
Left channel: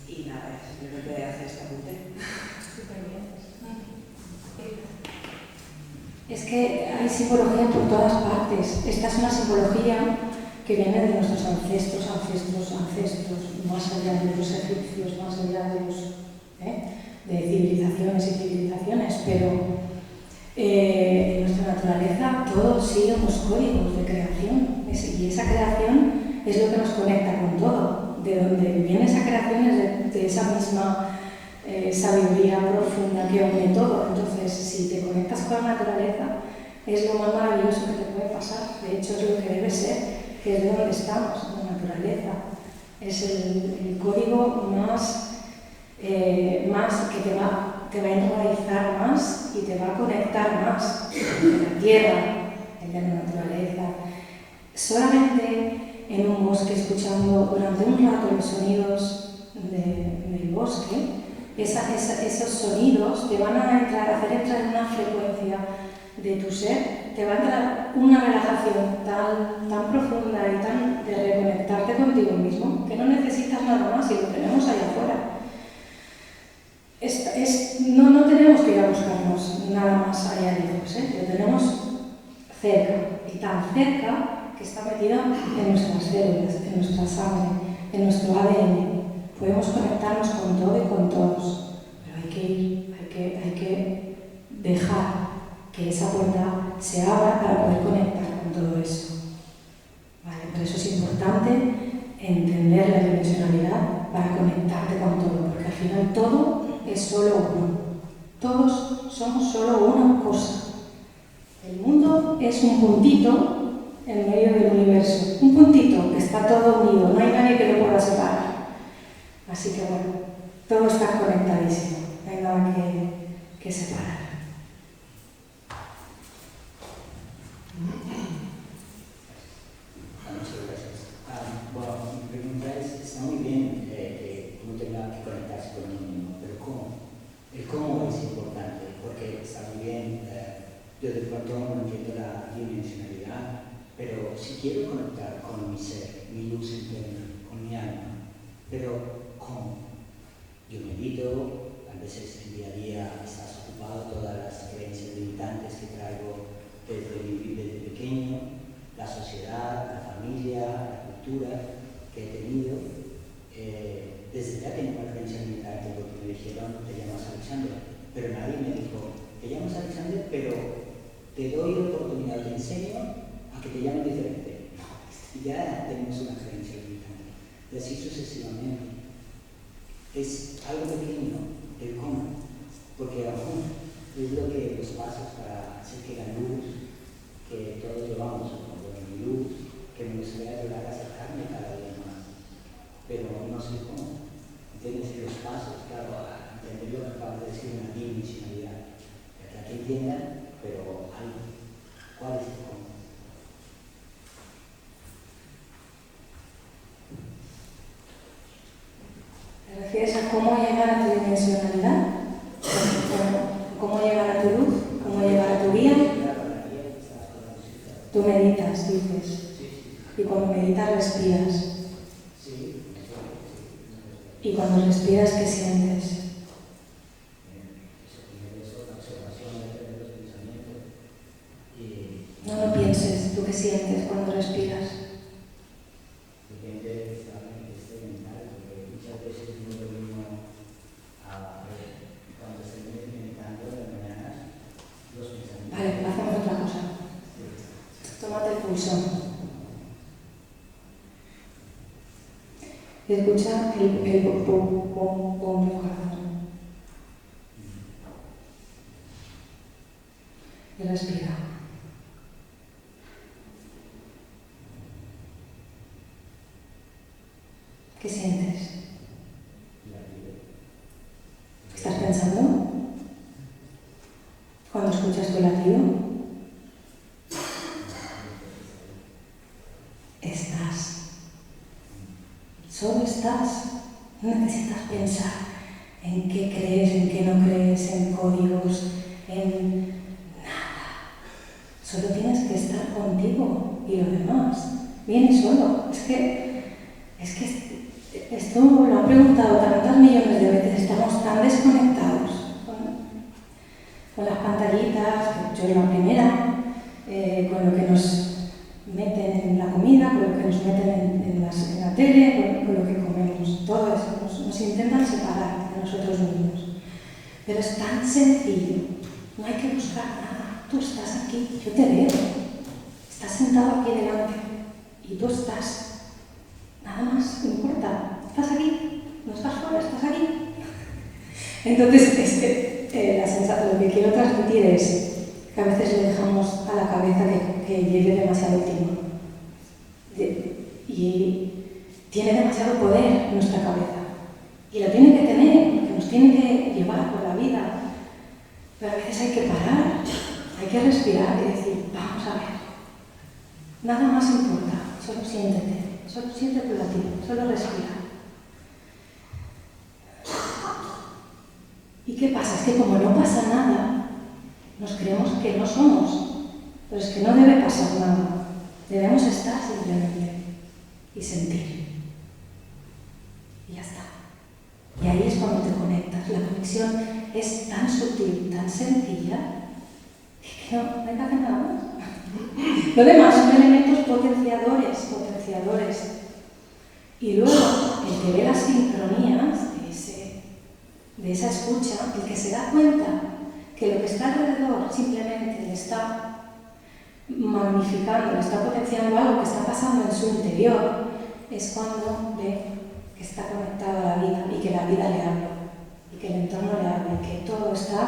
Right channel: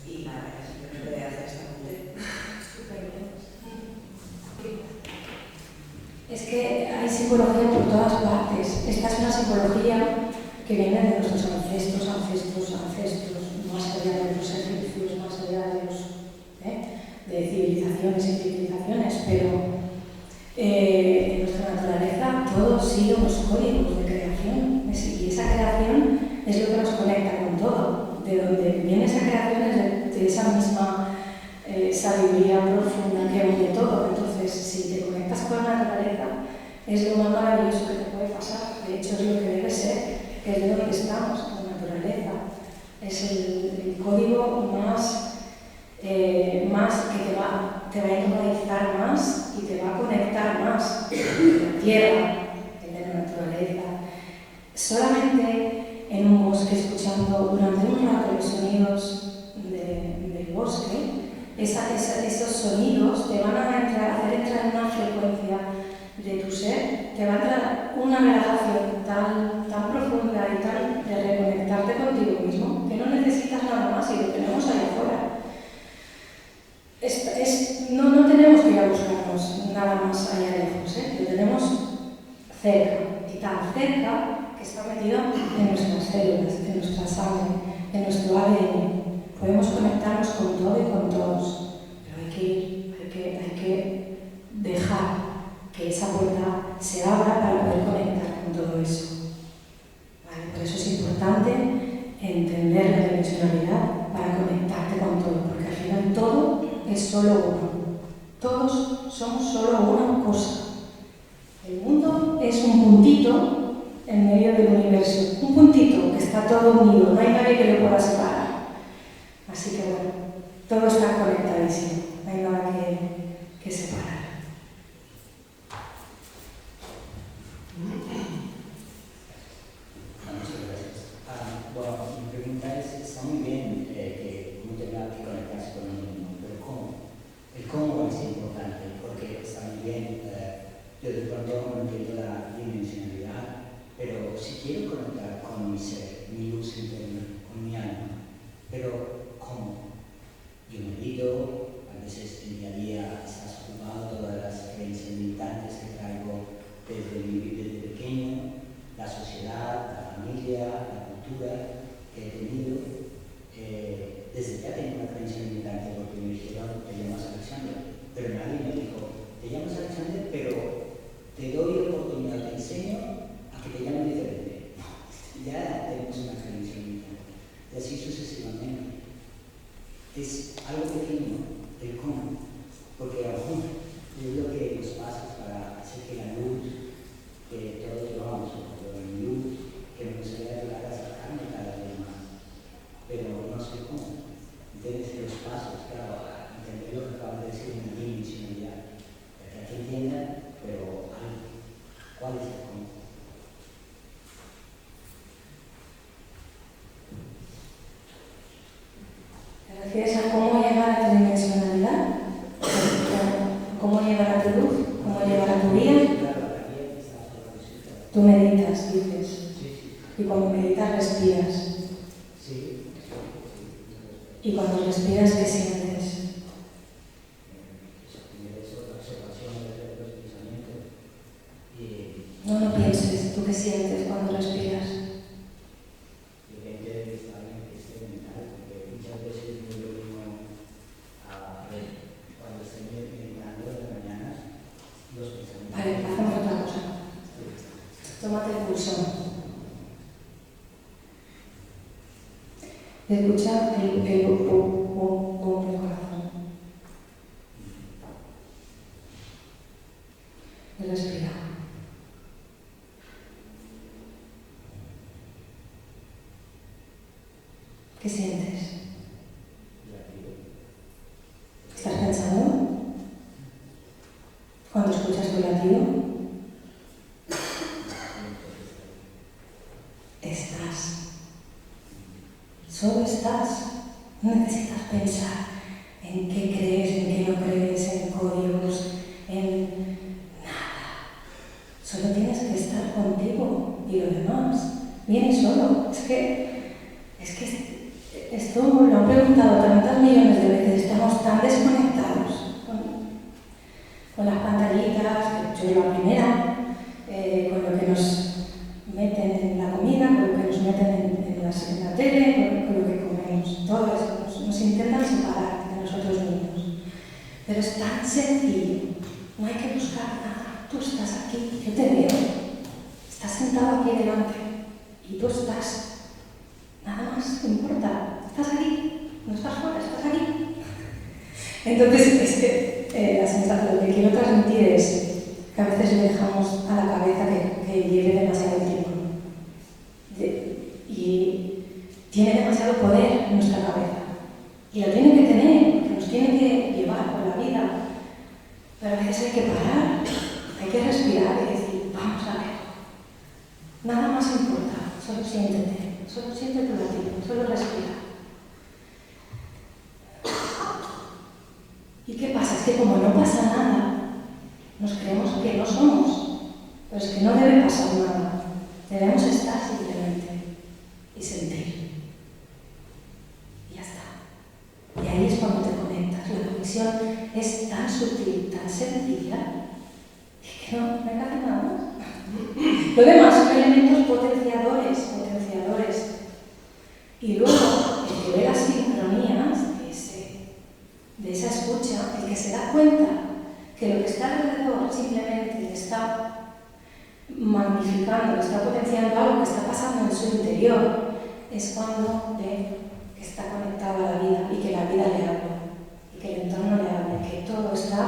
Y nada, simplemente hacer este apunte. Súper bien. Es que hay psicología por todas partes. Esta es una psicología que viene de nuestros ancestros, más allá de los egipcios, más allá de de civilizaciones y civilizaciones, pero en nuestra naturaleza todos siguen los códigos de creación, y esa creación es lo que nos conecta con todo. De donde viene esa creación es de esa misma sabiduría profunda que une todo. Entonces, si te conectas con la naturaleza, es lo más maravilloso que te puede pasar. De hecho, es lo que debe ser, que es de donde estamos, la naturaleza. Es el código más que te va a enraizar más y te va a conectar más con la tierra, en la naturaleza. Solamente en un bosque, escuchando durante un rato los sonidos del bosque, esos sonidos te van a hacer entrar en una frecuencia de tu ser, te va a entrar una relajación tan profunda y de reconectarte contigo mismo, que no necesitas nada más y lo tenemos ahí afuera. No tenemos que ir a buscarnos nada más allá lejos, lo tenemos cerca, y tan cerca que está metido en nuestras células, en nuestra sangre, en nuestro ADN. Podemos conectarnos con todo y con todos, pero hay que dejar que esa puerta se abra para poder conectar con todo eso. ¿Vale? Por eso es importante entender la dimensionalidad para conectarte con todo, porque al final todo es solo uno. Todos somos solo una cosa. El mundo es un puntito en medio del universo. Un puntito que está todo unido, no hay nadie que lo pueda separar. Así que bueno, todo está conectadísimo, no hay nada que separar. Bueno, mi pregunta tendrá que conectarse con uno mismo, pero ¿cómo? El cómo es importante, porque está muy bien, yo de pronto no entiendo la dimensionalidad, pero si quiero conectar con mi ser, mi luz interna, con mi alma, pero ¿cómo? Yo medito, a veces el día a día estás ocupado, todas las creencias limitantes que traigo desde pequeño, la sociedad, la familia, la cultura que he tenido. Desde ya tengo una creencia limitante porque me dijeron, te llamas Alexander, pero nadie me dijo, te llamas Alexander, pero te doy la oportunidad, te enseño a que te llamen diferente. Ya tenemos una creencia limitante. Y así sucesivamente. Es algo pequeño, el cómo, porque aún yo creo que los pasos para hacer que la luz que todos llevamos, como la luz, que me gustaría ayudar a acercarme cada vez más, pero no sé cómo. Entonces los pasos, claro, a entender lo que acabo de decir, una dimensionalidad, para que entiendan, pero algo. ¿Cuál es el cómo? ¿Te refieres a cómo llegar a tu dimensionalidad? ¿Cómo llegar a tu luz? ¿Cómo llegar a tu guía? Tú meditas, dices. Y cuando meditas respiras. Y cuando respiras, ¿qué sientes? No pienses, ¿tú qué sientes cuando respiras? Vale, hacemos otra cosa. Tómate el pulso. Escucha el bombo del corazón. Y respira. ¿Qué sientes? ¿Estás pensando? Cuando escuchas tu latido, estás. Solo estás. No necesitas pensar en qué crees, en qué no crees, en códigos, en nada. Solo tienes que estar contigo y lo demás viene solo. Es que esto lo han preguntado tantas millones de veces. Estamos tan desconectados con las pantallitas, que yo la primera, con lo que nos meten en la comida, con lo que nos meten en la tele, con lo que comemos. Todo eso nos intentan separar de nosotros mismos. Pero es tan sencillo, no hay que buscar nada. Tú estás aquí, yo te veo. Estás sentado aquí delante y tú estás. Nada más, no importa. Estás aquí, no estás fuera, estás aquí. Entonces, la sensación que quiero transmitir es que a veces le dejamos a la cabeza que lleve demasiado tiempo. Y tiene demasiado poder en nuestra cabeza. Y la tiene que tener, porque nos tiene que llevar por la vida. Pero a veces hay que parar, hay que respirar y decir, vamos a ver. Nada más importa, solo siéntete, solo siente tu latido, solo respira. ¿Y qué pasa? Es que como no pasa nada, nos creemos que no somos. Pero es que no debe pasar nada. Debemos estar simplemente y sentir. Y ya está. Y ahí es cuando te conectas. La conexión es tan sutil, tan sencilla, que no hay que hacer nada más. Lo demás son elementos potenciadores. Y luego, el que ve las sincronías de esa escucha, el que se da cuenta que lo que está alrededor simplemente le está magnificando, le está potenciando algo que está pasando en su interior, es cuando ve que está conectado a la vida y que la vida le habla, y que el entorno le habla, y que todo está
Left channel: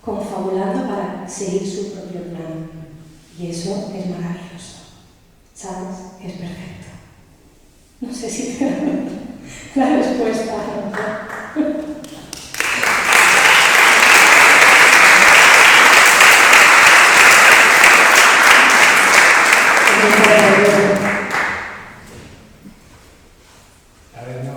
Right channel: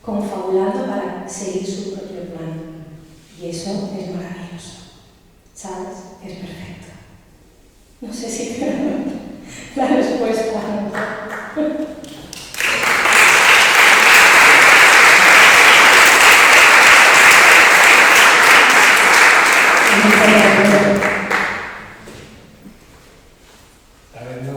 confabulando para seguir su propio plan. Y eso es maravilloso. ¿Sabes? Es perfecto. No sé si te la respuesta. Tal vez no,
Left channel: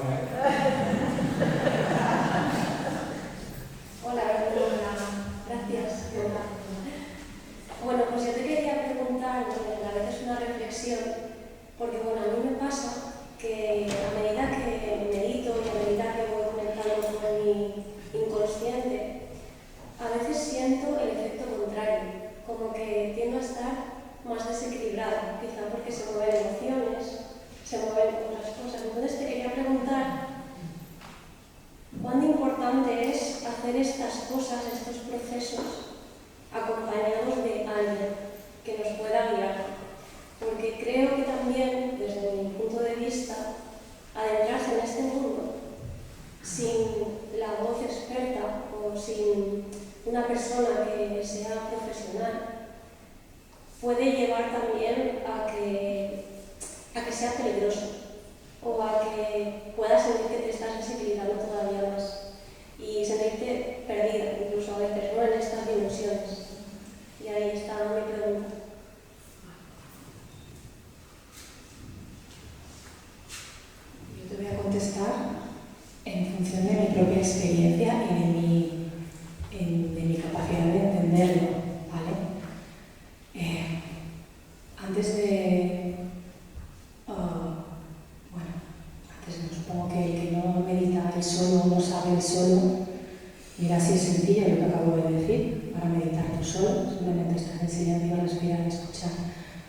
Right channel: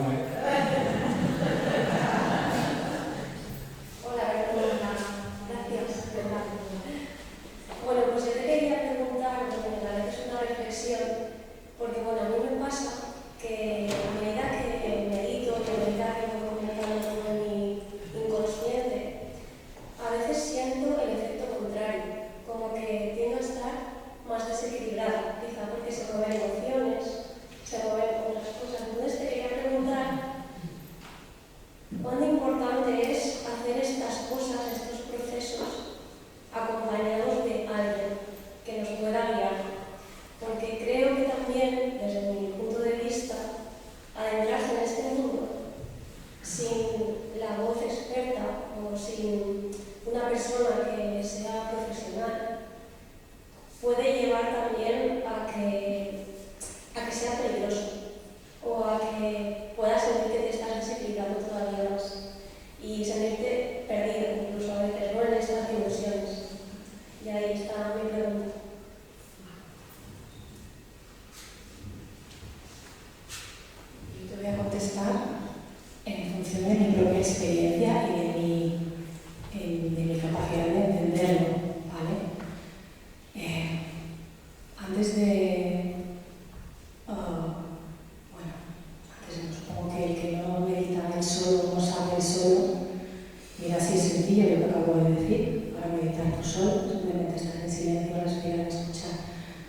sencillo lo que acabo de decir, para meditar tú solo, simplemente estar en silencio, respirar, escuchar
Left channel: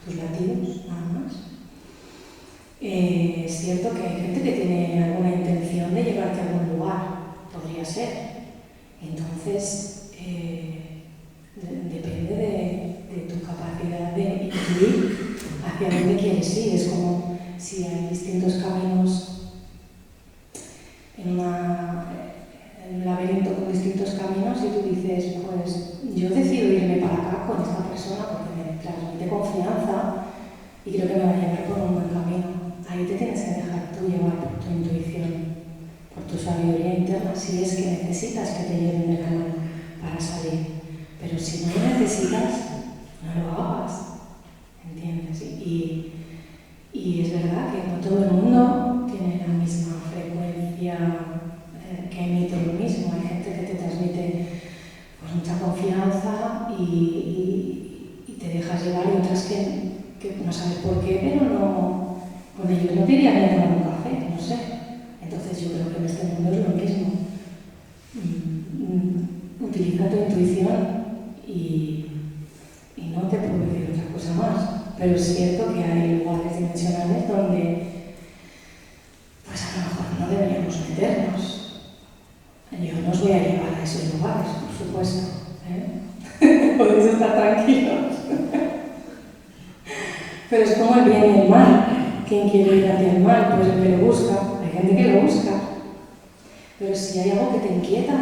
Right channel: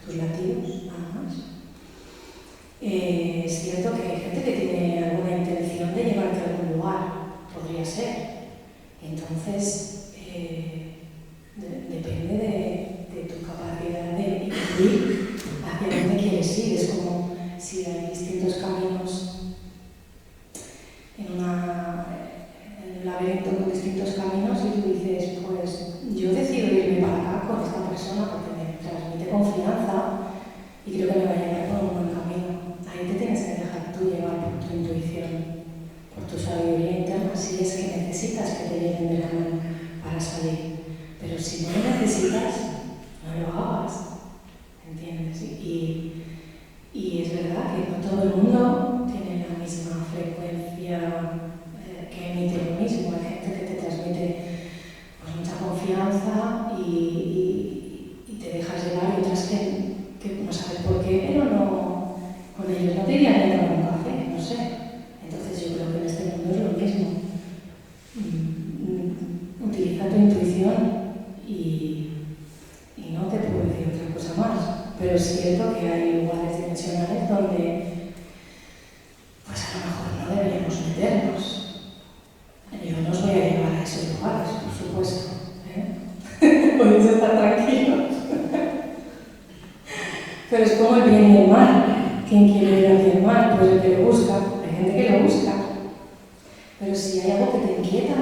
tus latidos, nada más. Es cierto que hay gente que tiene alguna intención de llevarte a algún lugar, podría ser. Entonces, depende de tu capacidad de ir hacia dónde quieres ir. Es como si hay distintos caminos en un laberinto con distintos caminos y tú dices, pues yo decido irme para acá con esta persona porque me transmite confianza y creo que me va a llevar por un buen camino. Ahí te tienes que dejar tú llevar por tu intuición, por tu sabiduría interna, si es que necesitas que te lleven de la mano para salir. Pero si no lo necesitas, no lo hagas, ¿entiendes? Y es verdad que no todo el mundo tiene la misma frecuencia que emite lo mismo. Hay gente que te transmite pues, mucha confianza y te dejas llevar, y otras que no sabes por qué, pero no, con ellos no te irían a tomar un café, no sé. Entonces yo creo que en este mundo es lo mismo. Utiliza tu intuición y no te puedo decir otra cosa más. Pero es cierto que hay lugares dimensionales donde pues a lo mejor no deberíamos meternos. Yo no os voy a llevar a esos lugares, por supuesto. Podéis estar tranquilos. Pero es como el bien y el mal. ¿Quién quiere ir hacia el mal? Pues el que lo busca. Hay gente que lo busca. Pero si hay algo que te inquieta,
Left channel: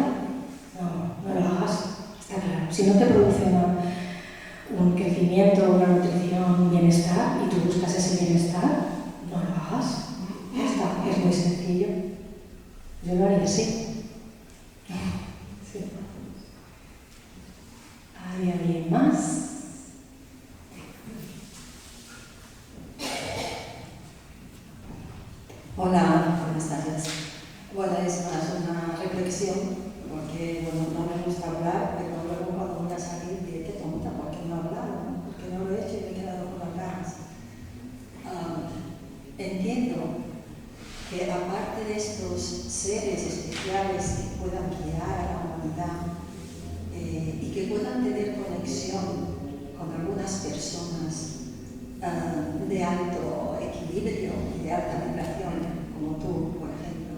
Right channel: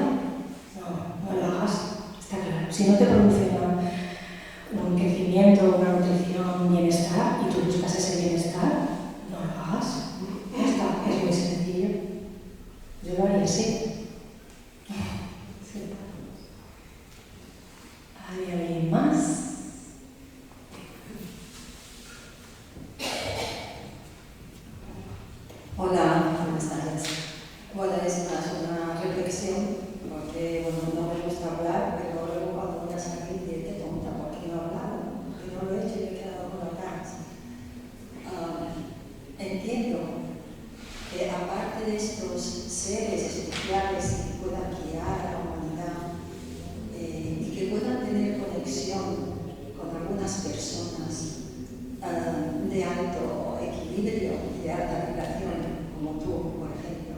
no lo hagas. Está claro. Si no te produce un crecimiento, una nutrición, un bienestar, y tú buscas ese bienestar, no lo hagas. Ya está. Es muy sencillo. Yo lo haría así. Sí. ¿Hay alguien más? Hola, buenas tardes. Bueno, es más una reflexión, porque bueno, no me gusta hablar, pero luego cuando voy a salir diré que tonta, porque no he hablado, porque no lo he hecho y he quedado con las ganas. Entiendo que aparte de estos seres especiales que puedan guiar a la humanidad y que puedan tener conexión con algunas personas de alto equilibrio y de alta vibración, como tú, por ejemplo,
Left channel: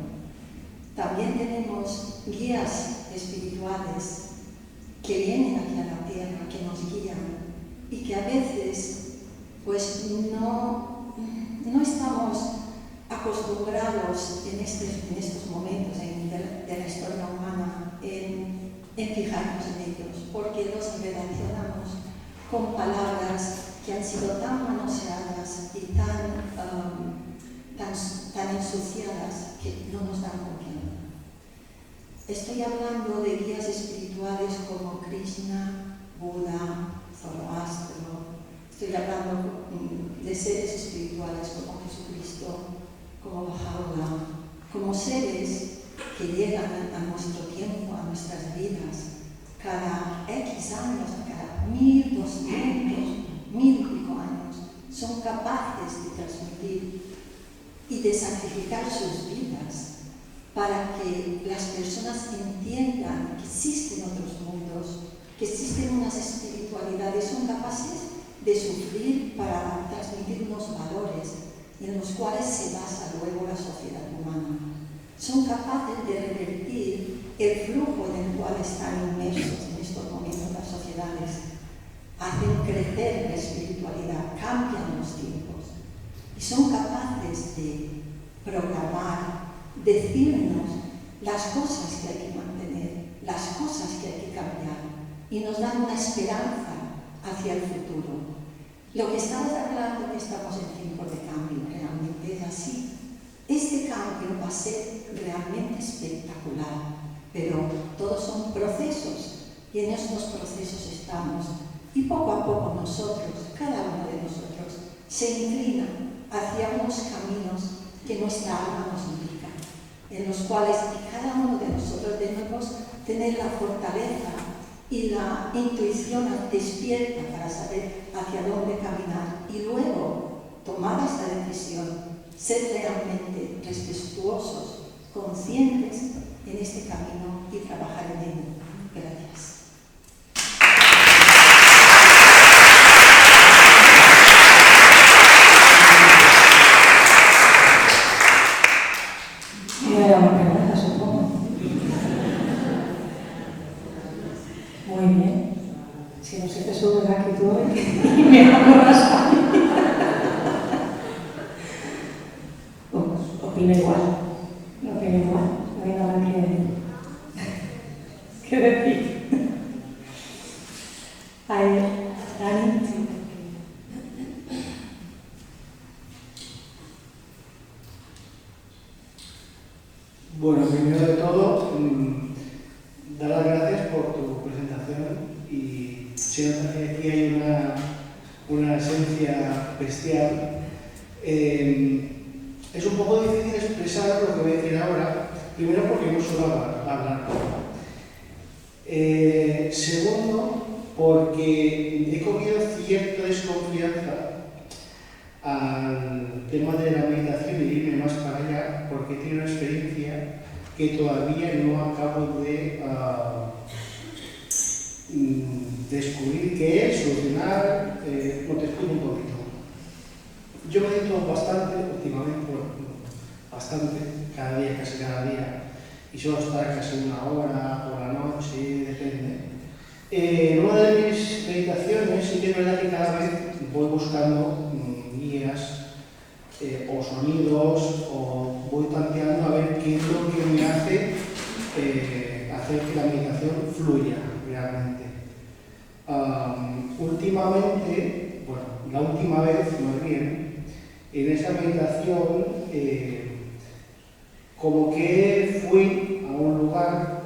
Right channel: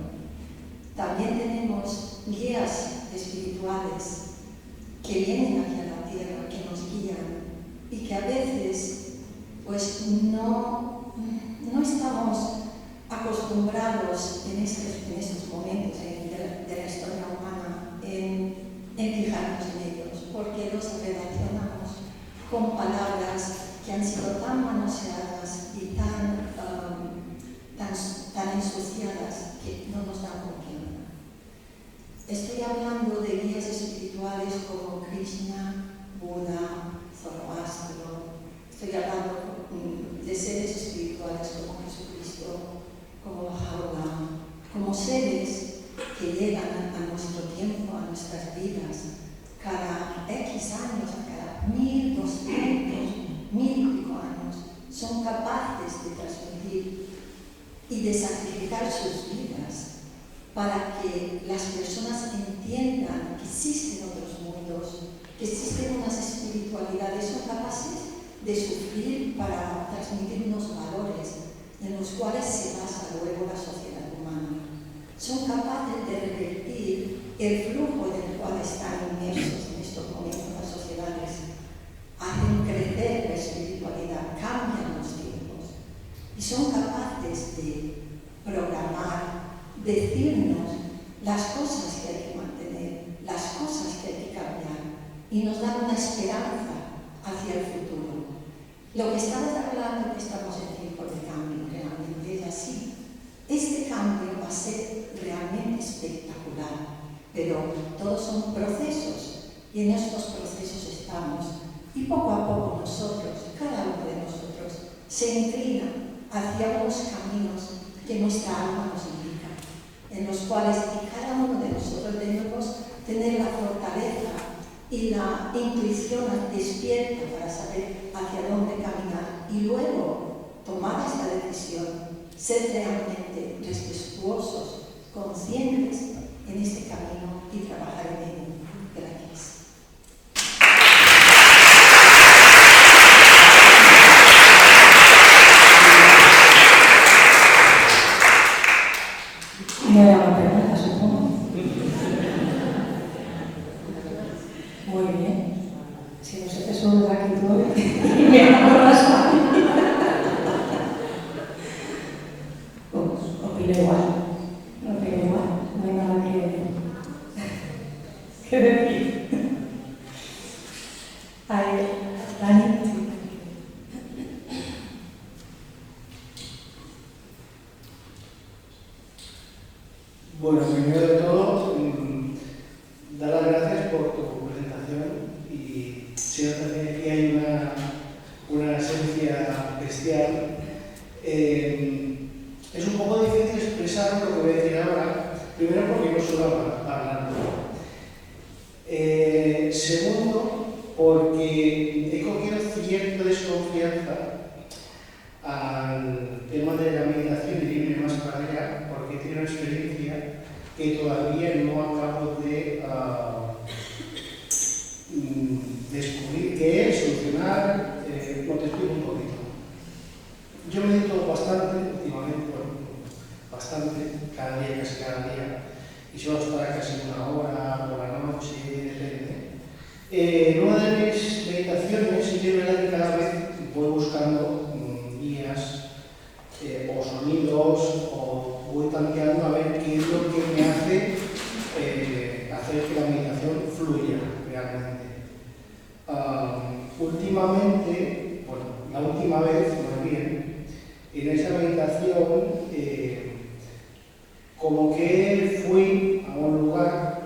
también tenemos guías espirituales que vienen aquí a la Tierra, que nos guían y que a veces pues no estamos acostumbrados en estos momentos de la historia humana en fijarnos en ellos, porque los relacionamos con palabras que han sido tan manoseadas y tan ensuciadas que no nos dan confianza. Estoy hablando de guías espirituales como Krishna, Buda, Zoroastro. Estoy hablando de seres espirituales como Jesucristo, como Baha'u'lláh, como seres que llegan a nuestro tiempo, a nuestras vidas, cada X años, cada 1200, 1000 y pico años, son capaces de transmitir y de sacrificar sus vidas para que las personas entiendan que existen otros mundos, que existen unas espiritualidades, son capaces de sufrir para transmitir unos valores en los cuales se basa luego la sociedad humana. Son capaces de revertir el flujo en el cual están inmersos en estos momentos las sociedades. Hacen crecer la espiritualidad, cambian los tiempos y son capaces de programar, decirnos las cosas que hay que mantener, las cosas que hay que cambiar y nos dan una esperanza hacia el futuro. Lo que estamos hablando es que estamos en tiempos de cambio, realmente es así. Este cambio va a ser realmente espectacular, pero todos son procesos y en estos procesos estamos. Y poco a poco nosotros, cada uno de nosotros, se inclina hacia unos caminos que nuestra alma nos indica, en los cuales cada uno de nosotros debemos tener la fortaleza y la intuición despierta para saber hacia dónde caminar y luego tomar esa decisión, ser realmente respetuosos, conscientes en este camino y trabajar en él. Gracias. me da una pena, supongo. Muy bien. Si no se te sube la actitud y me enamoras a mí. Opino igual. No hay nada que decir. Ay, Dani. Bueno, primero de todo, dar las gracias por tu presentación y se nota que aquí hay una esencia bestial. Es un poco difícil expresar lo que voy a decir ahora, primero porque no suelo hablar. Segundo, porque he cogido cierta desconfianza al tema de la meditación y irme más para allá, porque tiene una experiencia que todavía no acabo de descubrir qué es, solucionar. Te explico un poquito. Yo medito bastante últimamente, bastante, cada día, casi cada día, y suelo estar casi una hora por la noche, depende. Una de mis meditaciones, sí que es verdad que cada vez voy buscando guías o sonidos, o voy tanteando a ver qué es lo que me hace hacer que la meditación fluya realmente. Últimamente, bueno, la última vez, más bien, en esa meditación, como que fui a un lugar.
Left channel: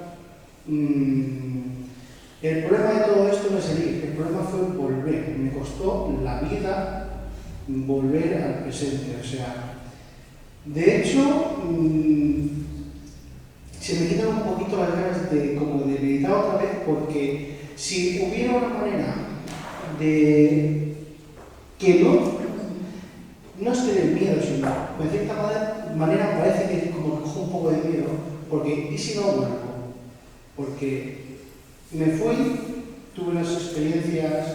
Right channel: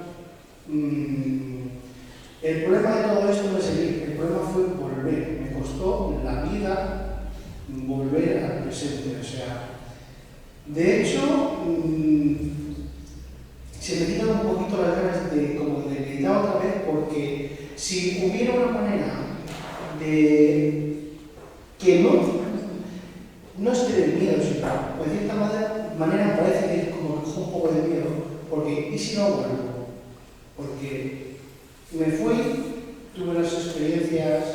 El problema de todo esto no es el ir, el problema fue volver. Me costó la vida volver al presente. O sea, de hecho, se me quitan un poquito las ganas de meditar otra vez, porque si hubiera una manera de que no es que del miedo, sino de cierta manera parece que como que cojo un poco de miedo, porque ¿y si no vuelvo? Porque me fui, tuve unas experiencias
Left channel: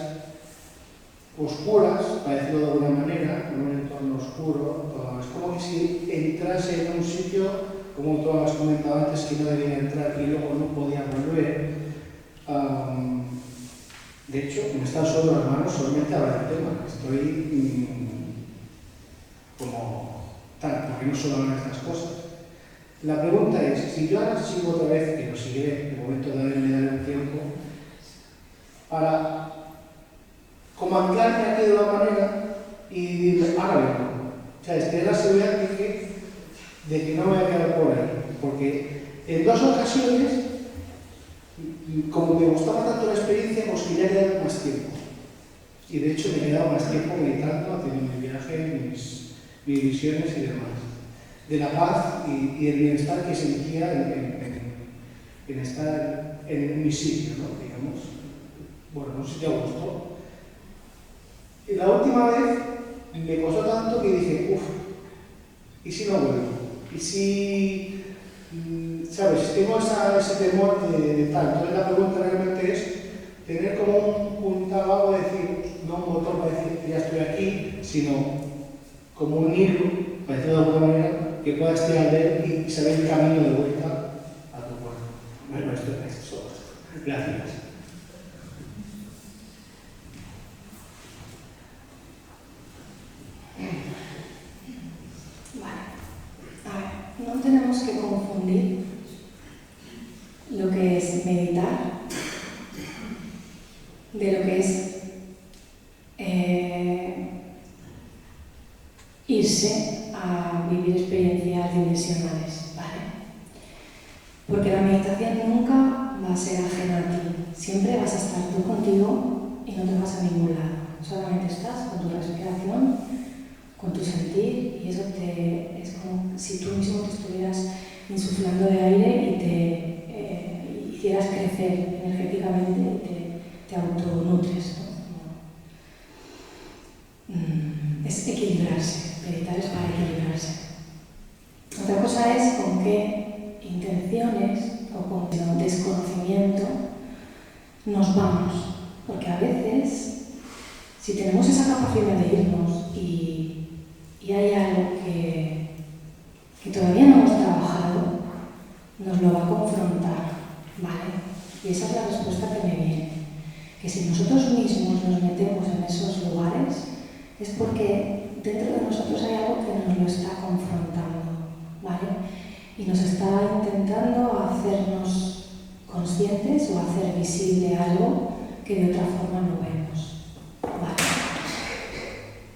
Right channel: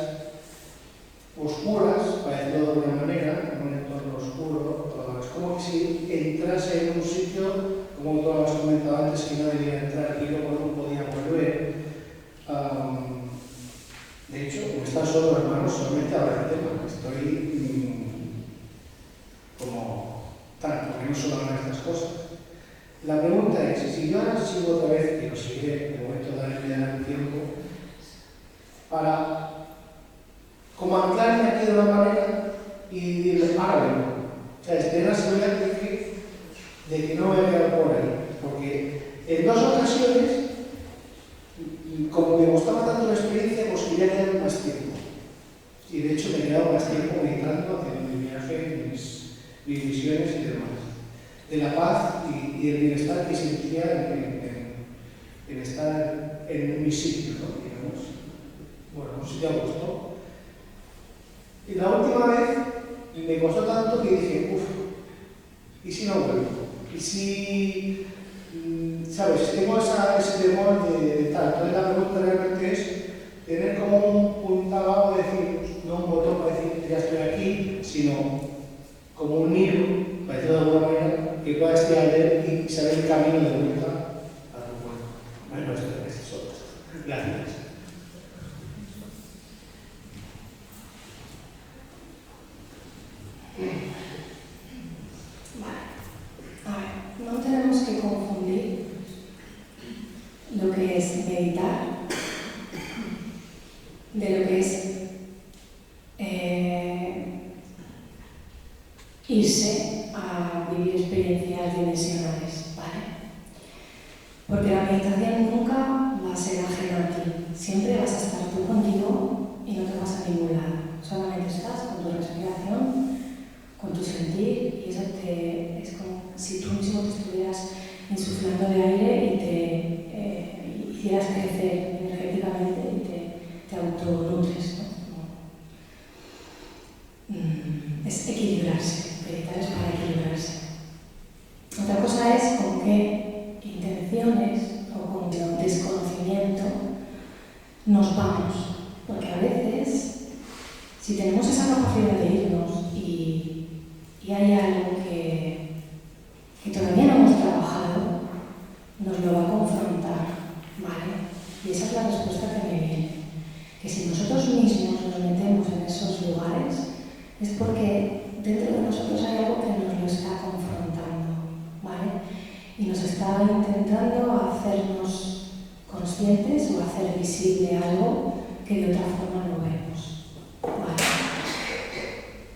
oscuras, para decirlo de alguna manera, en un entorno oscuro. Es como que si entrase en un sitio, como tú has comentado antes, que no debía entrar y luego no podía volver. De hecho, como están solo las manos, solamente habla del tema. Estoy como tal, porque no solo hablan de estas cosas. La pregunta es, si yo ahora sigo otra vez, que lo seguiré, de momento darle el tiempo, para como anclarme aquí de una manera y decirle, hágalo. O sea, tener la seguridad de que no me voy a quedar por ahí. Porque en dos ocasiones, como me gustaba tanto la experiencia, pues quería quedar más tiempo. Y de hecho me he quedado más tiempo meditando, haciendo mi viaje, mis visiones y demás. De la paz y del bienestar que sentía en estar en mi sitio, ¿no? Digamos. Bueno, no sé si a gusto. Y la última vez me costó tanto que dije, ¿y si no vuelvo? ¿Y si, sabes, tengo ese temor de tal? Entonces la pregunta realmente es tener como un puntado de decir, no un botón para decir que ya estoy aquí, sino como un hilo, para decirlo de alguna manera, que pueda estirar de él y saber el camino de vuelta a tu cuerpo. Bueno, esto es todo. Gracias. No tenemos que confundir lo que es meditar de lo que es irse a vivir experiencias dimensionales, ¿vale? Porque la meditación nunca va a ser ajena a ti, siempre vas a estar tú contigo y no te vas a ningún lado, solamente estás con tu respiración, con tu sentir, y eso es como si tú mismo te estuvieras insuflando de aire y te hicieras crecer energéticamente y te autonutres, ¿no? Es equilibrarse, meditar es para equilibrarse. Otra cosa es con qué intenciones o con qué desconocimiento nos vamos, porque a veces, si tenemos esa capacidad de irnos y hay algo que todavía no hemos trabajado, y nos está intentando hacernos conscientes o hacer visible algo que de otra forma no vemos. Vale.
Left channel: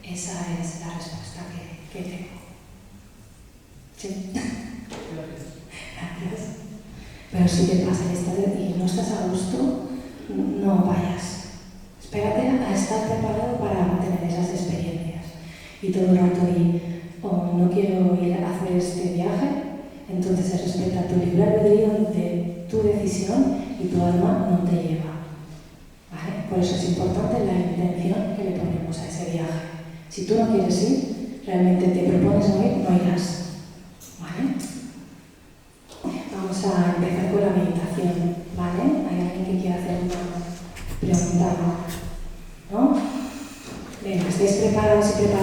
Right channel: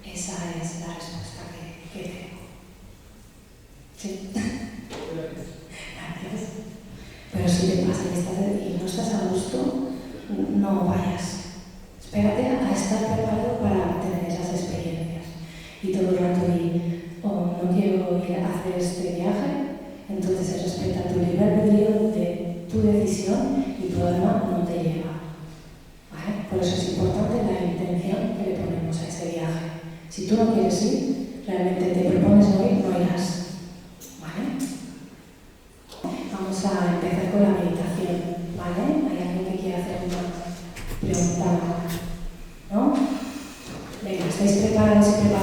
Esa es la respuesta que tengo. Sí. Gracias. Pero si te pasa y no estás a gusto, no vayas. Espérate a estar preparado para tener esas experiencias. Y todo el rato no quiero ir a hacer este viaje, entonces se respeta tu libre albedrío de tu decisión y tu alma no te lleva. ¿Vale? Por eso es importante la intención que le ponemos a ese viaje. Si tú no quieres ir, realmente te propones no ir, no irás. ¿Vale? Vamos a empezar con la meditación. ¿Vale? ¿Hay alguien que quiera hacer una pregunta? ¿No? Venga, ¿estáis preparados y preparados?